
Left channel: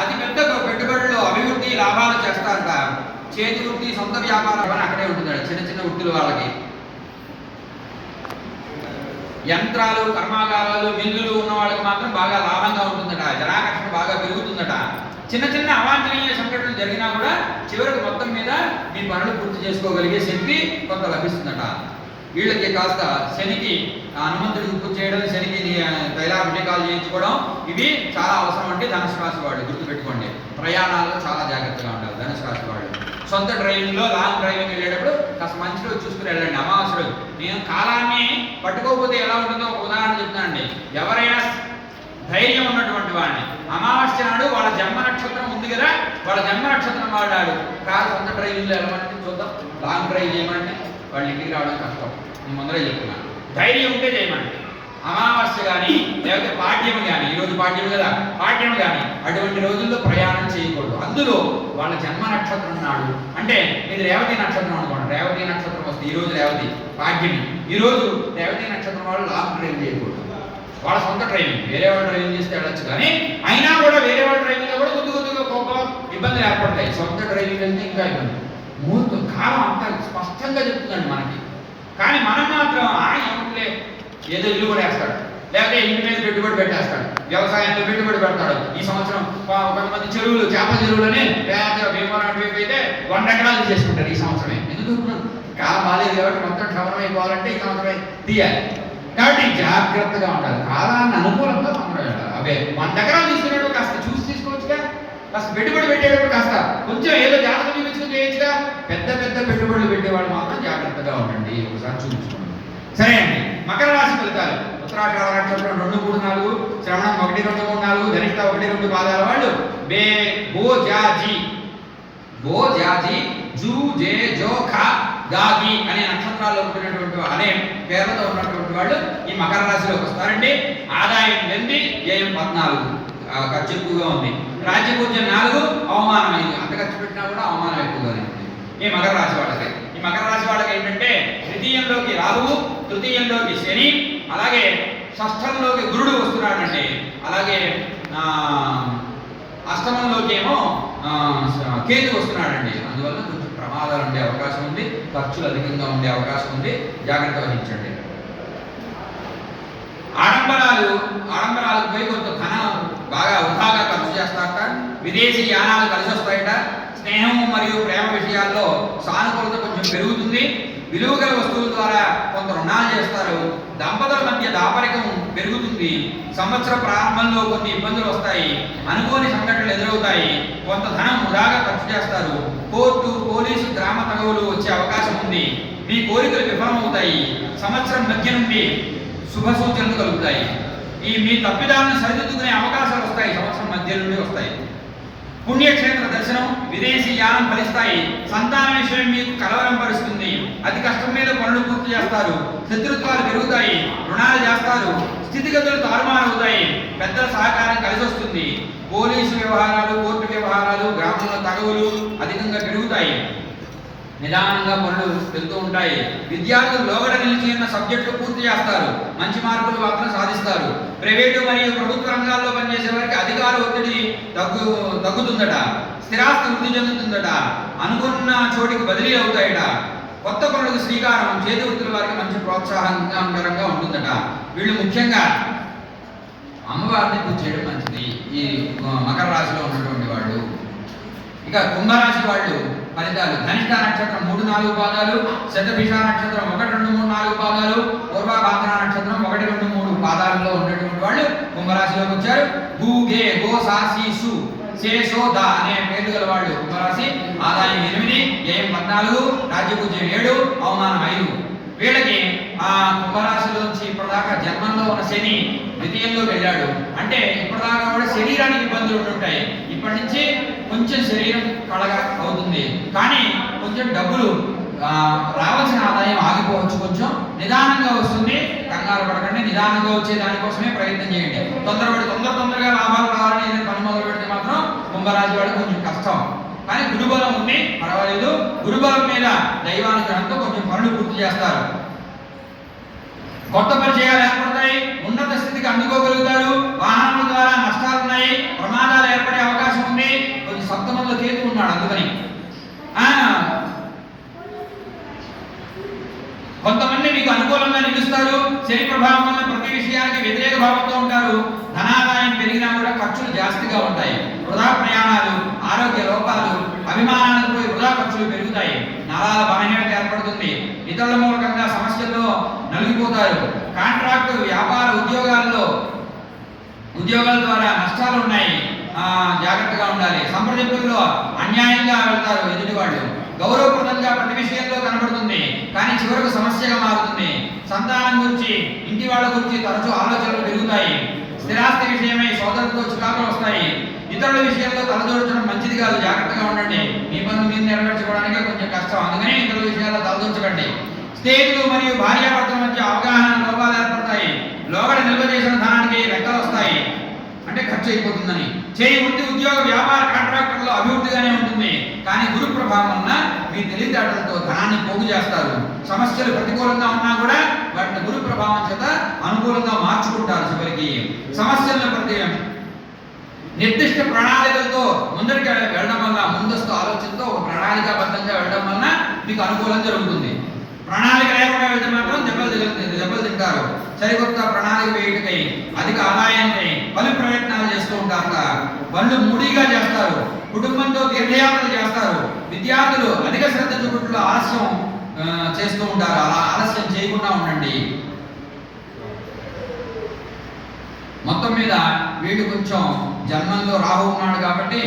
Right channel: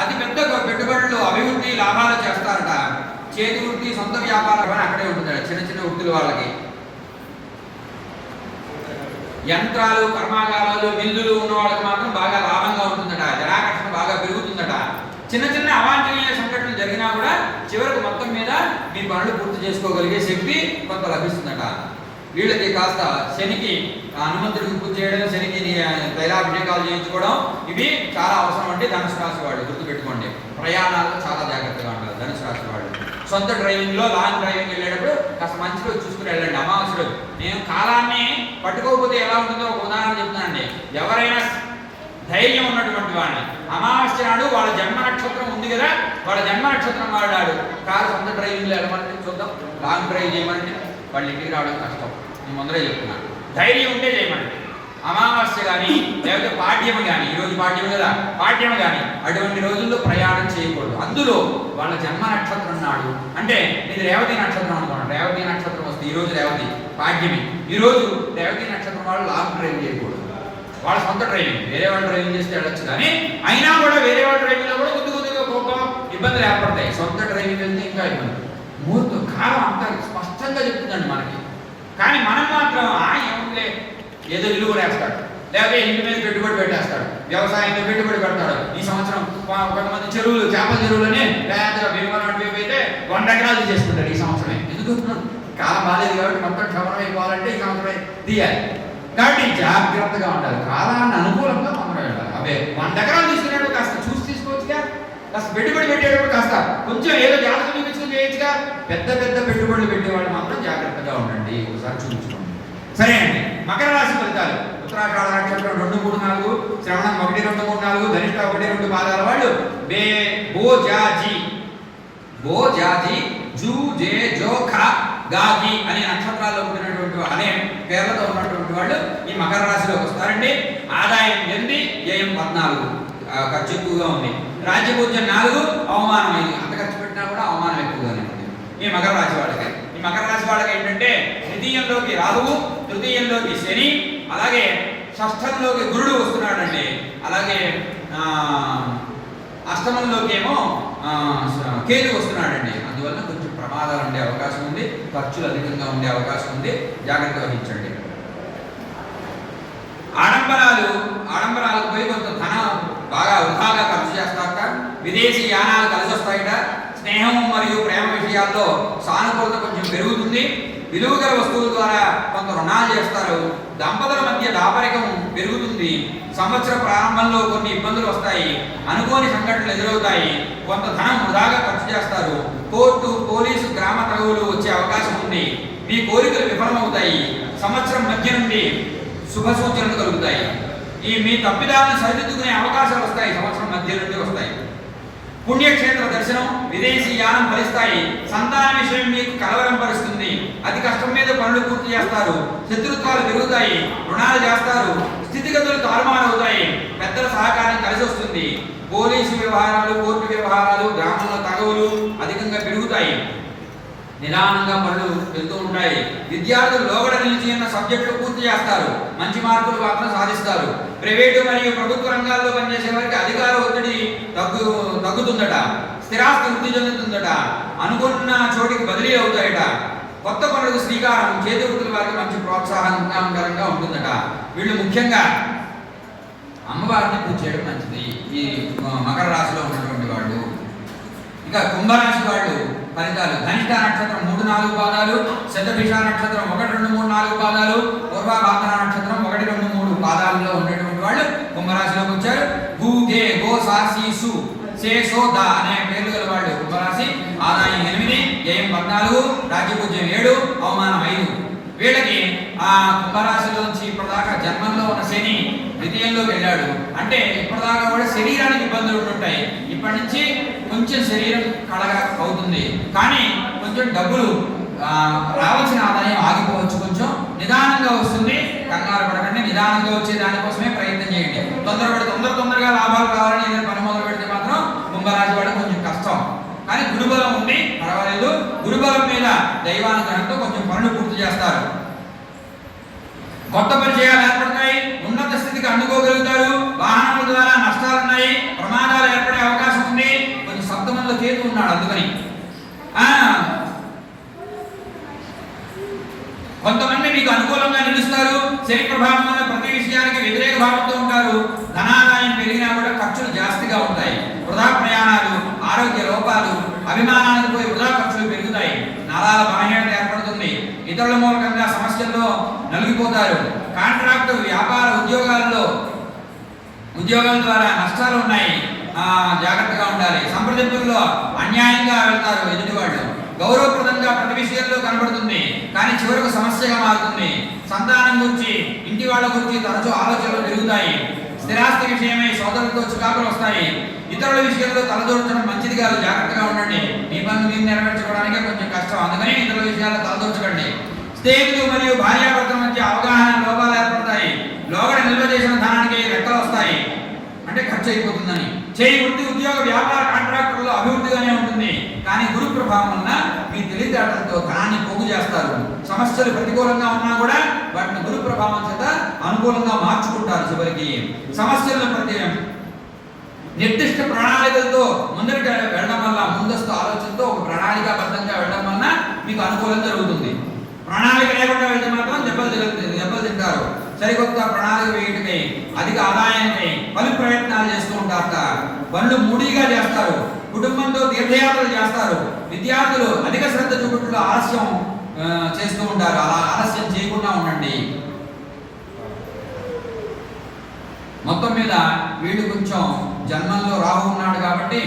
అతి పెద్ద పెట్టుబడులు, అభివృద్ధి, లాభాలు చేస్తారట. చేతి వృత్తి, సొంత వ్యాపారం అని అక్కడే ఉంటుందట. చిన్న చిన్న వృత్తులు వాళ్ళకి. యంత్రాలు, కర్మాగారాలు, మిల్లులు ఉన్న వాళ్ళకి మాత్రం బాగా లాభంగా ఉంటుందట. జనాకర్షణ బాగా పెరుగుతుందట. చిన్న చిన్న అవాంఛనీయ సంఘటనలు జరిగినా కూడా చివరకు మొత్తం మీద మీ పనులు పూర్తి చేసుకోగలిగే శక్తి కొంత లభిస్తుందట. వీళ్ళకి కాస్త శనికి హనుమంతుడికి పూజ చేయడం, శనికి తైలాభిషేకాలు చేయించుకోవడం, ఇవి చాలా అవసరం. అంటే ధనుసు రాశి వాళ్ళు గుర్తుపెట్టుకోండి. ప్రయాణాల్లో చాలా జాగ్రత్తగా ఉండాలి ధనుసు రాశి వాళ్ళు. సొంత డ్రైవింగ్లో, లాంగ్ డ్రైవింగ్ వెళ్ళేటప్పుడు కాస్త మంచి రోజు చూసుకుని వెళ్ళండి. అమావాస్య రోజు. నేను కాలాన్ని పట్టుకోకపోతే ఎలా ఉంటుందో ఒక ఉదాహరణ చెప్తానండి. ఎవరైనా ధైర్యం ఉన్నటువంటి వాడిని అమావాస్య నాడు వాళ్ళ జన్మ నక్షత్రం ఉంది కదా, వాళ్ళ జన్మ నక్షత్రం వాడాడు కారు సొంత డ్రైవింగ్లో వెళ్ళమంటే చూద్దాం, లాంగ్ డ్రైవ్ చేయమంటే వాళ్ళు ఇంటికి రావడం కష్టం. నేను ముందరే చెప్తున్నాను. ధైర్యం ఉంటే చేయమండి. అమావాస్య కానీ లేకపోతే పాడ్యం కానీ, ఈరోజు పాడ్యం కదా, పాడ్యం కానీ అటువంటి రోజుల్లో ప్రయాణం చేయకూడదు. అందులో వాళ్ళ జన్మ నక్షత్రం నాడు, అంటే ఇది రేవతి నక్షత్రం అనుకోండి. రేవతి నక్షత్రం వస్తే ఈరోజు రేవతి, పాడ్యమి, ఈరోజు రేవతి నక్షత్రం వాళ్ళు లాంగ్ డ్రైవ్ చేయకూడదు. వాళ్ళ సొంత డ్రైవింగ్, వేరే వాళ్ళు డ్రైవింగ్ చేస్తే వెళ్ళచ్చు. కానీ అయినా కూడా వేరే వాళ్ళ డ్రైవింగ్లో కూడా కొద్దిగా ఇబ్బందులు ఏర్పడతాయి. సొంత డ్రైవింగ్ వెళ్తే ఇంకా ఇబ్బంది. ముహూర్తం కాలం అంతా స్పష్టంగా చెప్తుందండి మనకి. కానీ మనం మాత్రం ఏముందిలే ఏదో ఇల్లు కూడా వేస్తాడు, లేకపోతే ఇంటి మీద పెట్టుబడి పెట్టేస్తాడు, వ్యవసాయంలో పెట్టుబడి పెడతాడు. ఈ సంవత్సరం కొంతమంది చెరువులు, చేపల చెరువులని భీమవరం వైపు అయితే 100 ఎకరాలు చేసుకుంటారు ఈ సంవత్సరమే. ఎందుకు కాలం బాలేదు కాబట్టి మొత్తం క్షమరం అయిపోవాలంటే ఈ సంవత్సరమే తీయాలి. కాబట్టి జాగ్రత్తగా ఉండాలి. కాలాన్ని అనుకూలంగా మనం వెళ్ళాలి. అవే 100 ఎకరాలు తీసుకునేటప్పుడు కాస్త చూసి తీసుకోవచ్చుగా, కాస్త పెట్టుబడి పెట్టేటప్పుడు కాస్త కొంచెం ఏదో జాగ్రత్త చూపించుకుని చేయొచ్చుగా. పెద్ద పెద్ద పెట్టుబడులు పెట్టేవాళ్ళు మాత్రం జాగ్రత్తగా ఉండండి, ఒకసారి చూపించుకోండి. సరే అండి. మకర రాశి ఫలితాలు. ఉత్తరాషాఢ నక్షత్రం 2, 3, 4, శ్రవణం 1, 2, 3, 4, ధనిష్ట 1, 2 పాదాల వాళ్ళు బోజాజీ జూ జే జో ఖ గాగి అనే నక్షత్రాల్లో ఉంటున్నటువంటి అనే పేర్లతో ఉన్నటువంటి వాళ్ళు ఈ మకర రాశిలోకి వస్తారండి. ఆదాయం 8, వ్యయం 14, ఖర్చు ఎక్కువగా ఉంది. రాజ్యపూజ్యం 4, అవమానం 5. అంత ఖర్చు పెట్టినా కూడా అవమానం ఎక్కువగానే ఉంది ఈ మకర రాశి వాళ్ళకి. ఈ మకర రాశి వాళ్ళకి ఏంటంటే ద్వితీయంలోకి రాహువు, తృతీయంలోకి శని, అలాగే షష్ఠంలోకి గురుడు వస్తున్నాడండి. అలాగే అష్టమంలోకి ఏమో కేతు వస్తున్నాడండి. అందువల్ల కొంచెం ప్రమాదాలు ఉండే అవకాశం ఉంది, ఖర్చులు అధికంగా ఉండే అవకాశం ఉంది. జాగ్రత్త వహించండి. ఆడంబరాలకు పోయి కొంత ధనం బాగా వృధాగా ఖర్చు చేస్తారట. విదేశీ యానాలు కలిసి వస్తాయట. స్నేహం మరియు ప్రేమ విషయాల్లో సానుకూలత కొంచెం పెరుగుతుంది. విలువగల వస్తువుల ద్వారా కొంత రుణాలు చేస్తారు. దంపతుల మధ్య దాపరికం పెరుగుతుంది. సంవత్సర ప్రారంభంలో కొన్ని ఇబ్బందులు వస్తాయి. అనుకోని సంఘటనలు ఎదురవుతాయి. కొంత ధనం వృధాగా ఖర్చు చేస్తారు. కోర్టు, పోలీసు, గ్రామ తగవులు వచ్చే అవకాశం ఉంది. మీ కోరికలు విఫలమవుతాయి. సంవత్సరం మధ్య నుండి శుభ సూచనలు కలుగుతాయి. మీ తప్పిదాలను సరిదిద్దుకునే అవకాశాలు వస్తాయి. సంవత్సరం మధ్య నుండి వస్తాయి. పుణ్యక్షేత్ర దర్శనం, విదేశీ యానం ఫలిస్తాయి. సంతాన విషయం మీకు కలవరం పరుస్తుంది. అతి కష్టం మీద పనులు పూర్తి చేస్తారు. శత్రుత్వాలు పెరుగుతాయి. రుణాలు చేస్తారు. స్థితిగతులు తారుమారవుతాయి. పెద్దల సహకారం కలిసి వస్తుంది. పోలీసు వ్యవహారాలు, కోర్టు వ్యవహారాలు, గ్రామంలో తగవులు అధికంగా పెరుగుతాయి. నిదానంగా పనులు వెళ్తూ ఉంటాయి. విద్యార్థులు లోగడ నిలిచి ఉన్న సబ్జెక్టులు పూర్తి చేస్తారు. మంచి మార్కులు మాత్రం సాధిస్తారు. ప్రైవేటు మరియు ప్రభుత్వ రంగాల్లో పనిచేసే వారికి అధికార ఒత్తిడి తగ్గుతుందట. స్థిరాస్తి వృద్ధి చెందుతుందట. అనుకున్న చోటికి బదిలీ అవుతాయట. కొత్త పనులకు శ్రీకారం. చేతి వృత్తుల వారికి మంచి ప్రోత్సాహకరంగా ఉంటుందట. వీళ్ళు ముఖ్యంగా అమ్మవారిని పూజ చేయడం మంచిది ఈ మకర రాశిలో ఉన్నటువంటి వాళ్ళు. ఇక కుంభరాశి వాళ్ళు ఫలితాలు: ధనిష్ట నక్షత్రం 3-4 పాదాలు, శతభిష నక్షత్రం 1, 2, 3, 4 పాదాలు, పూర్వభాద్ర నక్షత్రం 1, 2, 3 పాదాలలో ఉన్నటువంటి వాళ్ళు కుంభరాశిలోకి వచ్చారు. గు, గే, గో, సా, సి, సు, శే, సో, ద అనే పేర్లు గల వాళ్ళు కుంభరాశి. ఆదాయం 8, వ్యయం 14, రాజ్యపూజ్యం 7, అవమానం 5. వీళ్ళకి ఆ కుంభరాశిలోంచి ఇప్పటిదాకా జన్మంలో ఉన్న శని ద్వితీయంలోకి వెళ్ళాడు. అంటే ఇప్పటిదాకా కూడా శరీరానికి ఇబ్బందులు ఉంటుంటాయి. ఇప్పటి నుంచి కొంచెం శరీరం కళగా అవుతుంది, కానీ కొంచెం డబ్బులు రావాల్సిన ఆదాయం ఆగిపోవచ్చు. కొంచెం నిదానంగా వస్తుంది. కంగారు పడకండి. నిదానంగా వచ్చే దానికోసమే ప్రయత్నం చేయండి. తొందరగా లాభాలు కావాలని ఏదైనా పని మొదలు పెడితే మాత్రం కుంభరాశి వాడు కొంచెం కష్టం. కానీ గురుబలం ఉంది, పర్వాలేదు. గురుబలం మీద దైవానుగ్రహంతో కొంచెం పనులు పూర్తి చేస్తారు. కొత్త పరిచయాలు ఏర్పడతాయి. ఉన్నత స్థితికి అందుకోగలుగుతారు. వాహనాల ద్వారా నష్టాలున్నాయి. ప్రమాదాలు ఏర్పడే అవకాశం ఉంది. కొంచెం సప్తమంలో కేతు ఉన్నాడు, అందుకని కొంతమంది మీకు అనుకూలంగా నిలుస్తారు. శని ప్రభావం వల్ల ప్రతి విషయానికి వ్యతిరేక భావంతో ఉంటారు. ధనాదాయం పెరిగినా కూడా ఖర్చులు జాస్తిగా ఉంటాయి. వృధా ప్రయాణాలు, ఆరోగ్య లోపాలు, అభిమానానికి పోయి వృధా ఖర్చులు పెరుగుతాయి. నరాల బలహీనత ఏర్పడుతుంది. ఇతరుల మూలకంగా సమస్యల్లో నలిగిపోతారు. కాంట్రాక్టు, వ్యాపార, ఉద్యోగాల ద్వారా నష్టాలు ఉన్నాయి. జాగ్రత్తగా ఉండాలి. సంప్రదింపుల్లో అన్యాయంగా వెళ్తారు ఎదుటివాళ్ళు. గౌరవప్రదంగా ప్రతి విషయంలో కనబడుతుంది, కానీ చివరకు సమస్యగా మారుతుంది. సంతానం గురించి, ఇంటి వాళ్ళ గురించి తరచూ ఆలోచనలు పెరుగుతాయి. స్థిరాస్తి విషయమై సోదరులతో చికాకులు వస్తాయి. ఇతరుల విషయంలో తలదూర్చడం మంచిది కాదు. జాగ్రత్తగా ఉండండి. మీ పనులు మీరు నెరవేర్చుకోవడానికి కొంచెం కష్టం, అందుకని ఇతరుల విషయాల్లో తలదూర్చకండి. స్నేహితులు మరియు భార్యాభర్తల మధ్య అవగాహన లోపాలు ఏర్పడతాయి. లోగడ నిల్వ చేసిన ధనానికి రెక్కలు వస్తాయి, అంటే ఖర్చు అయిపోతుందని. చేయి వృత్తి, ఉద్యోగ, వ్యాపార, కాంట్రాక్టర్లో అభివృద్ధిగానే ఉంటుంది, కానీ గురు ప్రభావం వలన మీ తెలివితేటలతో ధనాన్ని పోగు చేస్తారు. సమస్యలు ప్రతికూలంగా ఉన్నా కూడా వాటిని గురు ప్రభావం చేత అనుకూలంగా మార్చుకుంటారు. చివరికి సమస్యలను నిర్దిష్ట ప్రణాళికలతో ముందరికి వెళ్ళడం వల్ల, ముందస్తు ఆలోచనతో ఒక ప్రణాళికాబద్ధంగా వెళ్ళడం వలన మీకు అనుకూలం జరుగుతుంది. ప్రణాళిక లేకుండా వెళ్తే మాత్రం దెబ్బలు తింటారు. సరికొత్త ప్రణాళిక వేయటకై, అధిక ఆదాయానికి పలు ప్రయత్నాలు చేస్తూ ఉంటారట. పనులు మూడీగా చేస్తారు. కుటుంబంతో తీర్థయాత్రలు చేస్తారు. విద్యార్థులు అధిక శ్రద్ధ చూపుట్లో ఆలస్యం చేస్తూ ఉంటారు. అలా ఆలస్యం చేయకుండా ఉండండి. మొత్తం మీద వీళ్ళు కొంచెం జన్మంలో రాహు ఉన్నాడు కాబట్టి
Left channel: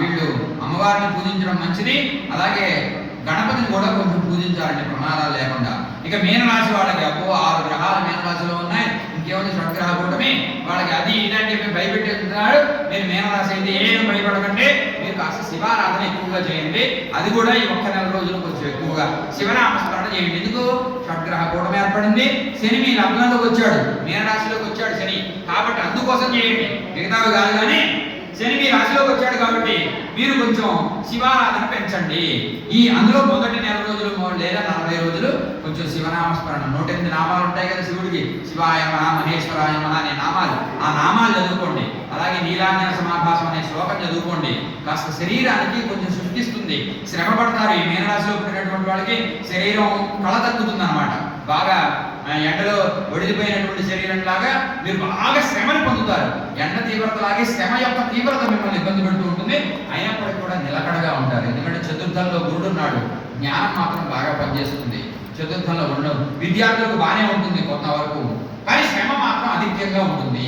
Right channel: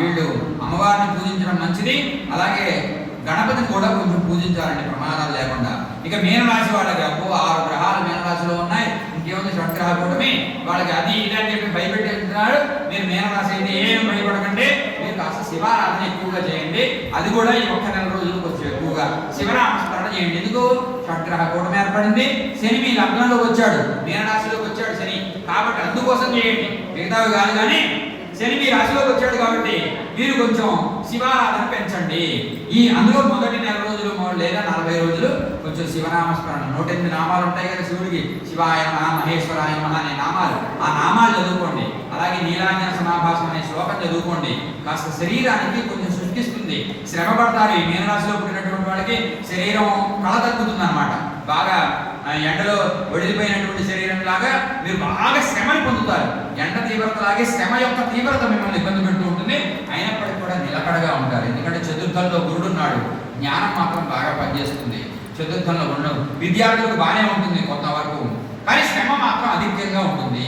వీళ్ళు అమ్మవారిని పూజించడం మంచిది. అలాగే గణపతిని కూడా కొంచెం పూజించాలండి, ప్రమాదాలు లేకుండా. ఇక మీనరాశి వాళ్ళకి 6 గ్రహాలు మీనరాశిలో ఉన్నాయి. ఇంకేముంది, షడ్గ్రహ కూటమి. వాళ్ళకి అది ఇలాంటి భయపెట్టేస్తున్నాడు. మీరు మీనరాశి అయితే ఏమి భయపడకండి. మీరు కాస్త శివారాధన ఎక్కువగా చేయండి. అది కూడా ఈ 1 నెల రోజులు కొంచెం ఎక్కువగా శివనామస్మరణ చేయండి. ఎందుకు? షడ్గ్రహ కూటమి ఏర్పడింది. శని మీ లగ్నంలోకి వచ్చాడు, మీనరాశిలోకి వచ్చాడు శని, కాబట్టి అందుకోసం చేయండి. మిగతావి కాదు, కానీ శని మీ రాశిలోకి వచ్చాడు కాబట్టి మీరు కొంచెం శివారాధన పెంచండి. అందులో మొదటి నెల రోజులు లేదా 40 రోజులు కొంచెం శివనామస్మరణ, 108 నామాలు ఉంటాయి కదా శివుడికి. శివాయ నమః, మహేశ్వరాయ నమః అనే నామాలు, ఆ నామాలు చదువుకోండి. అలాగే నీలాంజన సమాభాసం అనే శ్లోకం చదువుకోండి. కాస్త శరీరానికి కొంచెం సృష్టిస్తుంది. శ్రమ పడతారు. ఈ మీనరాశిలో పుట్టినటువంటి వాళ్ళకి శరీరం కళ తగ్గుతుంది అన్నమాట. బాగా ఎండలో ఒడిలిపోయినటువంటి శరీరం లాగా మీరు బాగా శ్రమని పొందుతారు. ఎండ తీవ్రత లాగే శ్రమ యొక్క తీవ్రత మిమ్మల్ని ఇబ్బంది పెడుతూ ఉంటుంది. అయినప్పటికీ కూడా నిలకడగా ఉంటారు. ఎందుకంటే చతుర్థంలో గురుడు ఉన్నాడు. జ్ఞానం మాత్రం బాగా పనిచేస్తుంది. చతుర్థంలో ఉండదు. విద్యార్థులకు బాగానే ఉంటుంది కొంతవరకు, కానీ శ్రమ మాత్రం అధికంగా ఉంటుంది.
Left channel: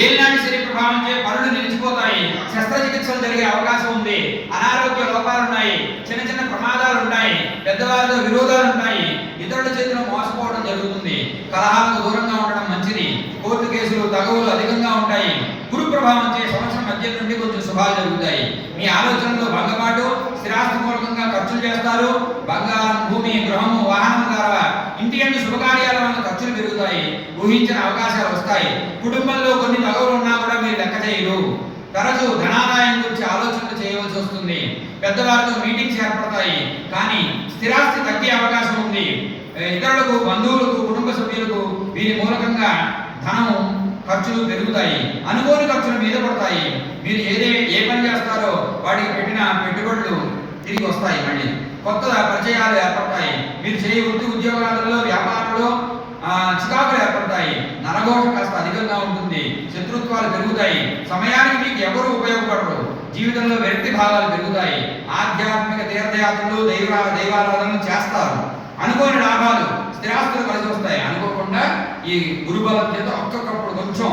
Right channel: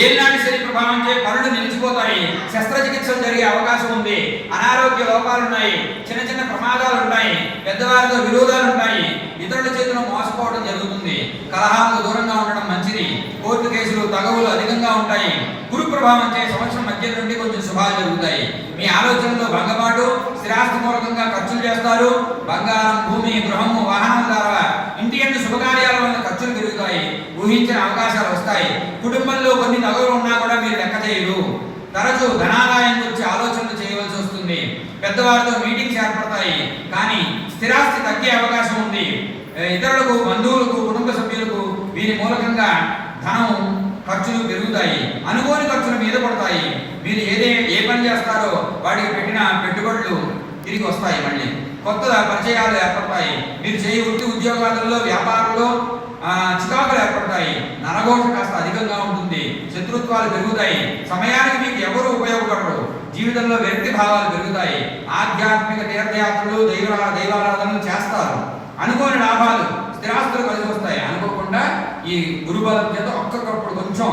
ఏలినాటి శని ప్రభావంచే పనులు నిలిచిపోతాయి. శస్త్రచికిత్సలు జరిగే అవకాశం ఉంది. అనారోగ్య లోపాలు ఉన్నాయి. చిన్న ప్రమాదాలు ఉన్నాయి. పెద్దవారితో విరోధాలు ఉంటాయి. ఇతరుల చేతిలో మోసపోవడం జరుగుతుంది. కలహాలకు దూరంగా ఉండడం మంచిది. కోర్టు కేసులు, తగవులు అధికంగా ఉంటాయి. గురు ప్రభావం చే సంవత్సరం మధ్య నుండి కొంచెం శుభాలు జరుగుతాయి. మీ ఆలోచనలో భంగపాటు, స్థిరాస్తి మూలకంగా ఖర్చులు చేస్తారు. బంగారం, భూమి, గృహము, వాహనం ద్వారా ఇంటి యందు శుభకార్యాల వల్ల ఖర్చులు పెరుగుతాయి. ఊహించిన అవకాశాలు వస్తాయి. కుటుంబంలో కొన్ని తగవులు ఉన్నా కూడా మీరు లెక్క చేయరు. తరచూ ధనాదాయం గురించి ఆలోచనలు చేయవలసి వస్తుంది. పెద్దవారితో మీటింగ్స్ ఏర్పడతాయి, కానీ స్థిరాస్తి తగ్గే అవకాశం ఉంది. ఇతరులకు, బంధువులకు, కుటుంబ సభ్యులకు వీరి మూలకంగా ధనం ఖర్చులు పెరుగుతాయి. అనుకోని ఖర్చుల మీద పడతాయి. మీరు ఏ పని చేస్తారో వాటికి పెట్టిన పెట్టుబడులు తిరిగి వస్తాయి. మళ్ళీ కొత్త పరిచయాలు ఏర్పడతాయి. మీరు చేయ వృత్తి ఉద్యోగాలలో, వ్యాపారంలో చికాకులు ఏర్పడతాయి. నరఘోష కాస్త అధికంగా ఉంటుంది. శత్రుత్వాలు పెరుగుతాయి. సమయానికి మీకు ఎవరు ఉపయోగపడరు. జీవితంలో వ్యక్తి భావాలు పెరుగుతాయి. ఆధ్యాత్మిక తీర్థయాత్రలు, దైవారాధనలు చేస్తారు. అనుకోని లాభాలు, స్థిరాస్తులు కలిసి వస్తాయి. అనుకోకుండా ఈ గురుబలం చేత ఒక్కొక్కప్పుడు కొంచెం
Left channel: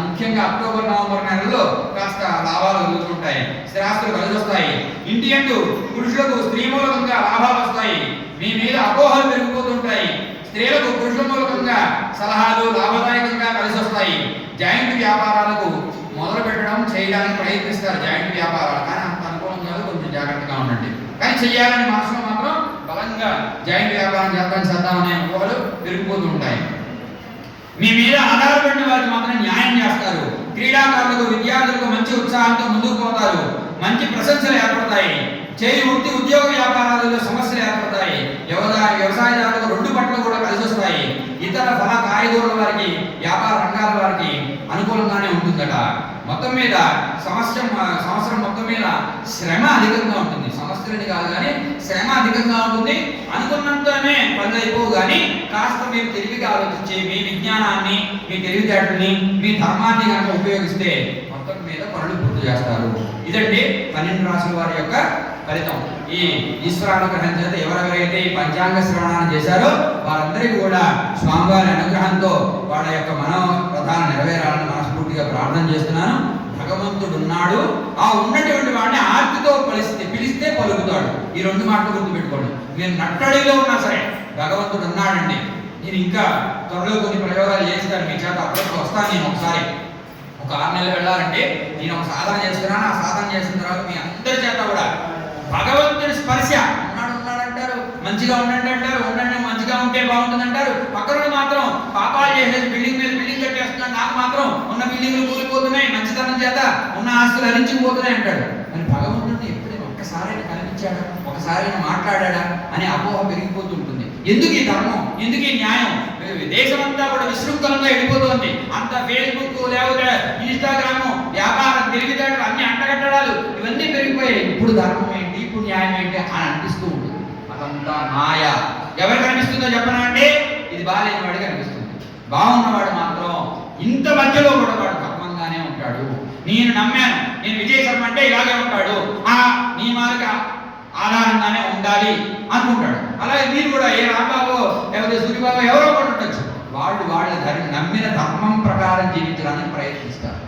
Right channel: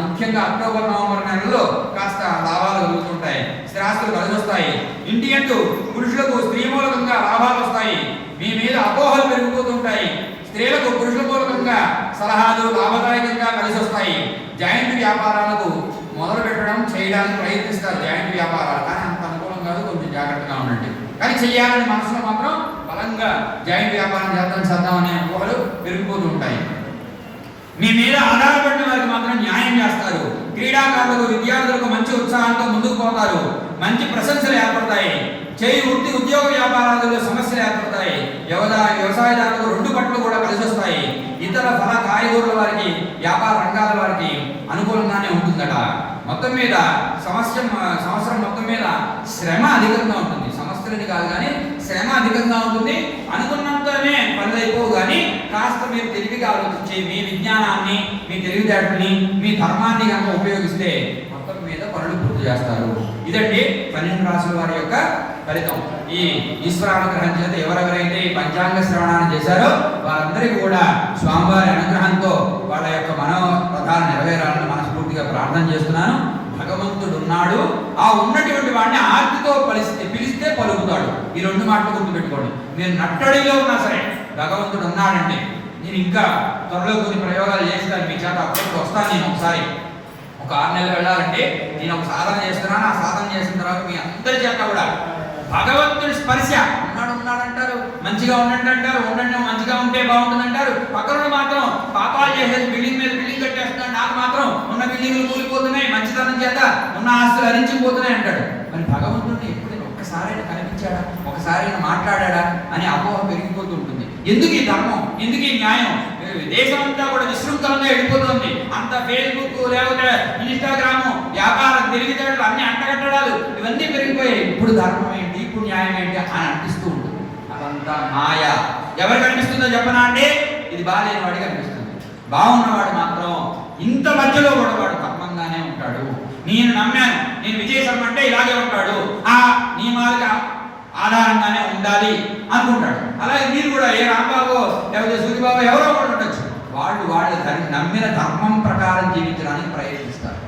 ముఖ్యంగా అక్టోబర్, నవంబర్ నెలలో కాస్త లాభాలు కలుగుతుంటాయి. స్థిరాస్తులు కలిసి వస్తాయి. ఇంటి యందు పురుషులకు స్త్రీ మూలకంగా లాభాలు వస్తాయి. మీ మీద అపోహలు పెరిగిపోతుంటాయి. స్త్రీలకు పురుషుల మూలకంగా సలహాలు లాభదాయకంగా కలిసి వస్తాయి. జాయింట్ వ్యాపారాలకు మొదలు పెట్టడం, చేయడానికి ప్రయత్నిస్తారు. జాయింట్ వ్యాపారాలు కానీ అంత అనుకూలం కాదు. కొంచెం జాగ్రత్తగా ఉండండి. కానీ చెయ్యాలని మనసులో మాత్రం బలంగా జాయింట్ వ్యాపారం చేద్దామనే ఊహలు పెరిగిపోతూ ఉంటాయి. మీ మీద ఆధారపడిన వారికి మాత్రం న్యాయం చేస్తారు. క్రీడాకారులకు, విద్యార్థులకు మంచి ఉత్సాహంతో ముందుకు పోతారు. మంచి ప్రశంసలు ఏర్పడతాయి. చేయి వృత్తి, ఉద్యోగ వ్యాపారాలలో సమస్యలు ఏర్పడతాయి. వ్యవసాయదారులకు 2 పట్లు కూడా కలిసి వస్తాయి. ఇతర ఫల కాయగూరల వారికి, వ్యాపార రంగాల వారికి అనుకూలంగానే ఉంటుందట. మొత్తం మీద సంవత్సరం మొత్తం మీద శ్రమ అధికంగా ఉంటుంది. సమస్యలని కాదు కానీ శ్రమ అధికంగా ఉంటుంది. అనుకున్నంతనే పనులు అయిపోవు. కానీ కాస్త మీరు తెలివిగా ఆలోచించి మీ విజ్ఞానాన్ని, మీ తెలివితేటల్ని, మీ ధర్మాన్ని కనుక ఉపయోగిస్తే మొత్తం మీద పనులు పూర్తి చేస్తారు. ఇదండి 12 రాశుల వారి యొక్క ఫలితం. ఈ ఈశ్వరానుగ్రహం చేత ఎవరెవరైతే ఈ పంచాంగ శ్రవణాన్ని చేశారో వారందరికీ కూడా స్వామివారి అనుగ్రహంతో వాళ్ళ యొక్క మనోరథాలు నెరవేరాలని మనస్ఫూర్తిగా ప్రార్థన చేస్తున్నాను. భగవంతుడు ఉన్నాడు. ఆ ఉన్నటువంటి వాడిని ఆర్తితో పిలిస్తే పలుకుతాడు. ఈ 2 మాటలు గుర్తుపెట్టుకోండి. మీరు నట్టడిలో ఉన్నా సరే భగవంతుడు ఉన్నాడండి. నేను ఇంకా త్వరలో కొన్ని ప్రయోగాలు చేస్తాను. మీ చేత అప్పుడప్పుడు వస్తాను. నేను ఒకసారి ఒక 6 నెలలు వెళ్ళాలంటే నేను ఒక సాధన చేస్తున్నాను. ఆ సాధన చేసిన తర్వాత మీ అందరి చేత కూడా భగవంతుడి స్పర్శ ఉన్నాడంటారు, మంచిగా ఉండండి అంటారు. ఉండండి, మంచిగా ఉంటే బాగుంటుంది అంటారు. పక్కన మాత్రం పాపాలు చేసేది బిల్డింగ్ మీద బిల్డింగ్ కట్టేస్తున్నాడు, నాకు మాత్రం ఉన్న బిల్డింగ్లు కూలిపోతున్నాయి, మంచితనం చేత ఉన్న ఆస్తులు హరించిపోతున్నాయి అంటాడు. మరి భగవంతుడిని ఎప్పుడైనా ఒక్కసారైనా కనిపించాడా, ఒకసారైనా మాట్లాడా అని అపోహ పెరిగిపోతూ ఉంటుంది. ఎందుకు ఈ ధర్మం, ఎందుకు ఈ న్యాయం? దేశమంతా కూడా విశృంఖలంగా వెళ్ళిపోతుంది. అంత ఫేస్బుక్, లేకపోతే ఇన్స్టాగ్రాము, వ్యాపారం, తెలివితేటలు అన్ని అంటగట్టడాలు ఇవన్నీ పెరిగిపోయాయి. ఇప్పుడు ధర్మం ఏంటి, ఇప్పుడు న్యాయం ఏంటి అని అనిపిస్తూ ఉంటుంది. అదంతా మాయ. ఎవరికి అనిపిస్తుందో చెప్పనా అండి? ఇది బాగాలేని వాడికి అనిపిస్తుంది. బాగున్నవాడు మాత్రం ఇంత మధ్యలో కూడా వాడు ధర్మంగానే ఉంటాడు. నేను నమ్మాను, నేను విజయ్ శర్మ అంటే ఇలాగే ఉంటాడు, ఆ నియమాలకు ఆధారంగానే ఉండాలి అనుకుంటాడు. అలాగే మీరు కూడా ఏ రాంబాబో లేకపోతే సూర్యబాబు ఎవరో కూడా ఉండొచ్చు. వాళ్ళు నమ్మిన ధర్మం ప్రకారం జీవించడానికి ప్రయత్నిస్తారు.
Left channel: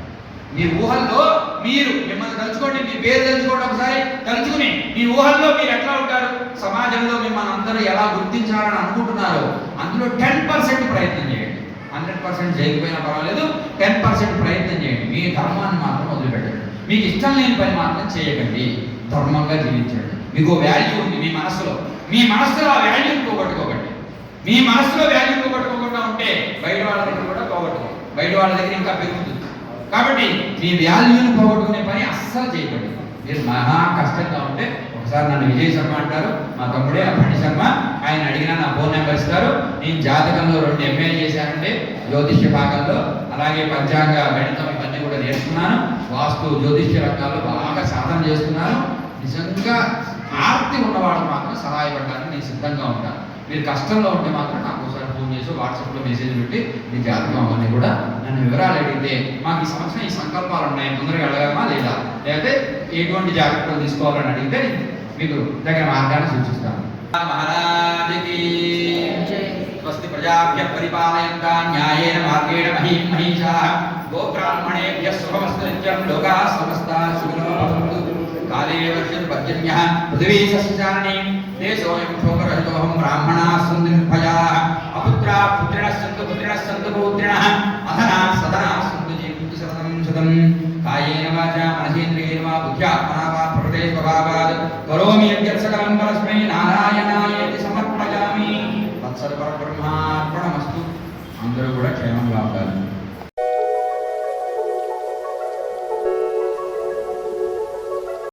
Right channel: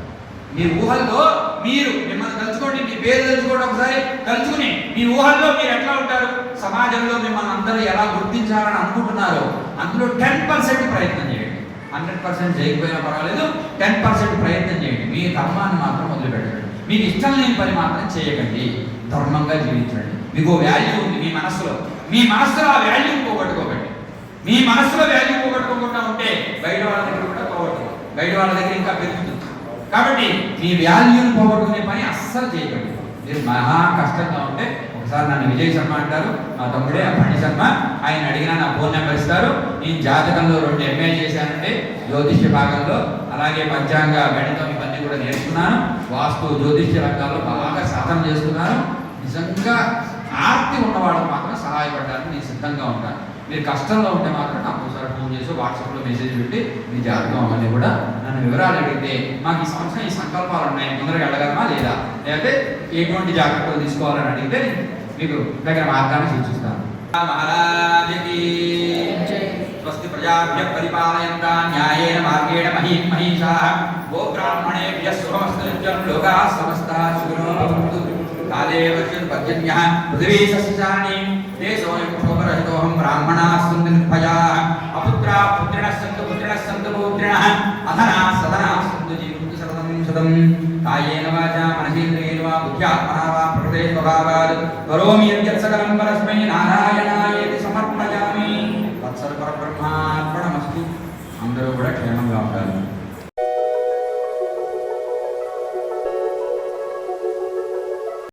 మీ ఊహల్లో మీరు మిమ్మల్ని తలుచుకోండి, మీ పేరు తలుచుకోండి. ఒకసారి తలుచుకుని మీ ఊహల్లో మీరు ఎట్లా ఉంటారు, సమాజంలో మిమ్మల్ని అందరూ ఎలా గుర్తించాలని అనుకుంటున్నారో అందులో 10% ప్రయత్నం చేయండి. 100% చేయకపోయినా పర్వాలేదు, 10% ప్రయత్నం చేయండి. మీ ధర్మాన్ని మాత్రం వదిలిపెట్టండి. మీకు ఇష్టం లేని పని మాత్రం చేయకండి. ధర్మంగా జీవించండి. మీకు వాల్యూ ఉంది మీ మనసులో ఆ వాల్యూ పోగొట్టుకోకండి. మీ మనసులో వాల్యూ పోగొట్టుకోకుండా ఉంటే బయట వాళ్ళ దగ్గర కూడా పోగొట్టుకో, బయట వాళ్ళ దగ్గర ఇంకా పెరుగుతుంది. కాబట్టి మీ వాల్యూని పోగొట్టుకునే పని అస్సలు చేయకండి. మీరు మహా కష్టంగా ఉంటే ఒకసారి నన్ను విజయ్ శర్మ అంటారు, మా తమ్ముడే పండి శర్మ, ఆయన అడిగినా నా ఫోన్ నెంబర్ ఇస్తారు. నేను జాతకంలో 2 MA చేశానండి, జ్యోతిష్య భాగంలో, అలాగే పంచాంగ గణితం ఇవన్నీ కూడా నేర్చుకున్నాను. వాస్తు జ్యోతిష్య రంగాల్లో బాగా సాధన చేసుకున్నాను. నిజంగా ఆర్తి ఉన్నవాళ్ళకి మాత్రం సహాయపడడానికి నేను సిద్ధంగా ఉంటాను. మీరు కష్టంలో ఉంటే మాత్రం నాకు ఒకసారి ఫోన్ చేసి వాట్సాప్లో మెసేజ్ పెట్టి మీ జాతకం అవన్నీ కూడా నన్ను వివరాలు అడిగితే మాకు ఈ సంవత్సరం ఈ సంకల్పాలు ఉన్నాయి, ముందరగా వెళ్ళగలమా లేదా, లేకపోతే ఎటువంటి జాగ్రత్తలు తీసుకోవాలని అడిగితే మీకు దగ్గర మార్గాన్ని సూచిస్తాను. మహారాజకి స్వస్తి ప్రజాభ్యః పరిపాలయంతాం న్యాయేన మార్గేణ మహీషాః గోబ్రాహ్మణేభ్యः శుభమస్తు నిత్యం లోకాः సమస్తాः సుఖినో భవంతు. కాలే వర్షతు పర్జన్యః పృథివీ సస్యచారిణీ దేశోऽयं శోకరహితోऽహం బ్రాహ్మణాः సन्तు నిర్భయాः అపుత్రాः పుత్రిణः సन्तు పౌత్రిణः అధనాः సదనాः సन्तు జీవంతు శరదం సుతం కాయేన వాచా మనసేంద్రియేణ వా బుద్ధ్యాత్మనా వా ప్రకృతే స్వభావాత్ కరోమి యద్యత్ సకలం పరస్మై నారాయణాయేతి సమర్పయామి. తత్సత్ పరబ్రహ్మార్పణమస్తు. అందరూ కూడా క్షేమంగా ఉంటారు.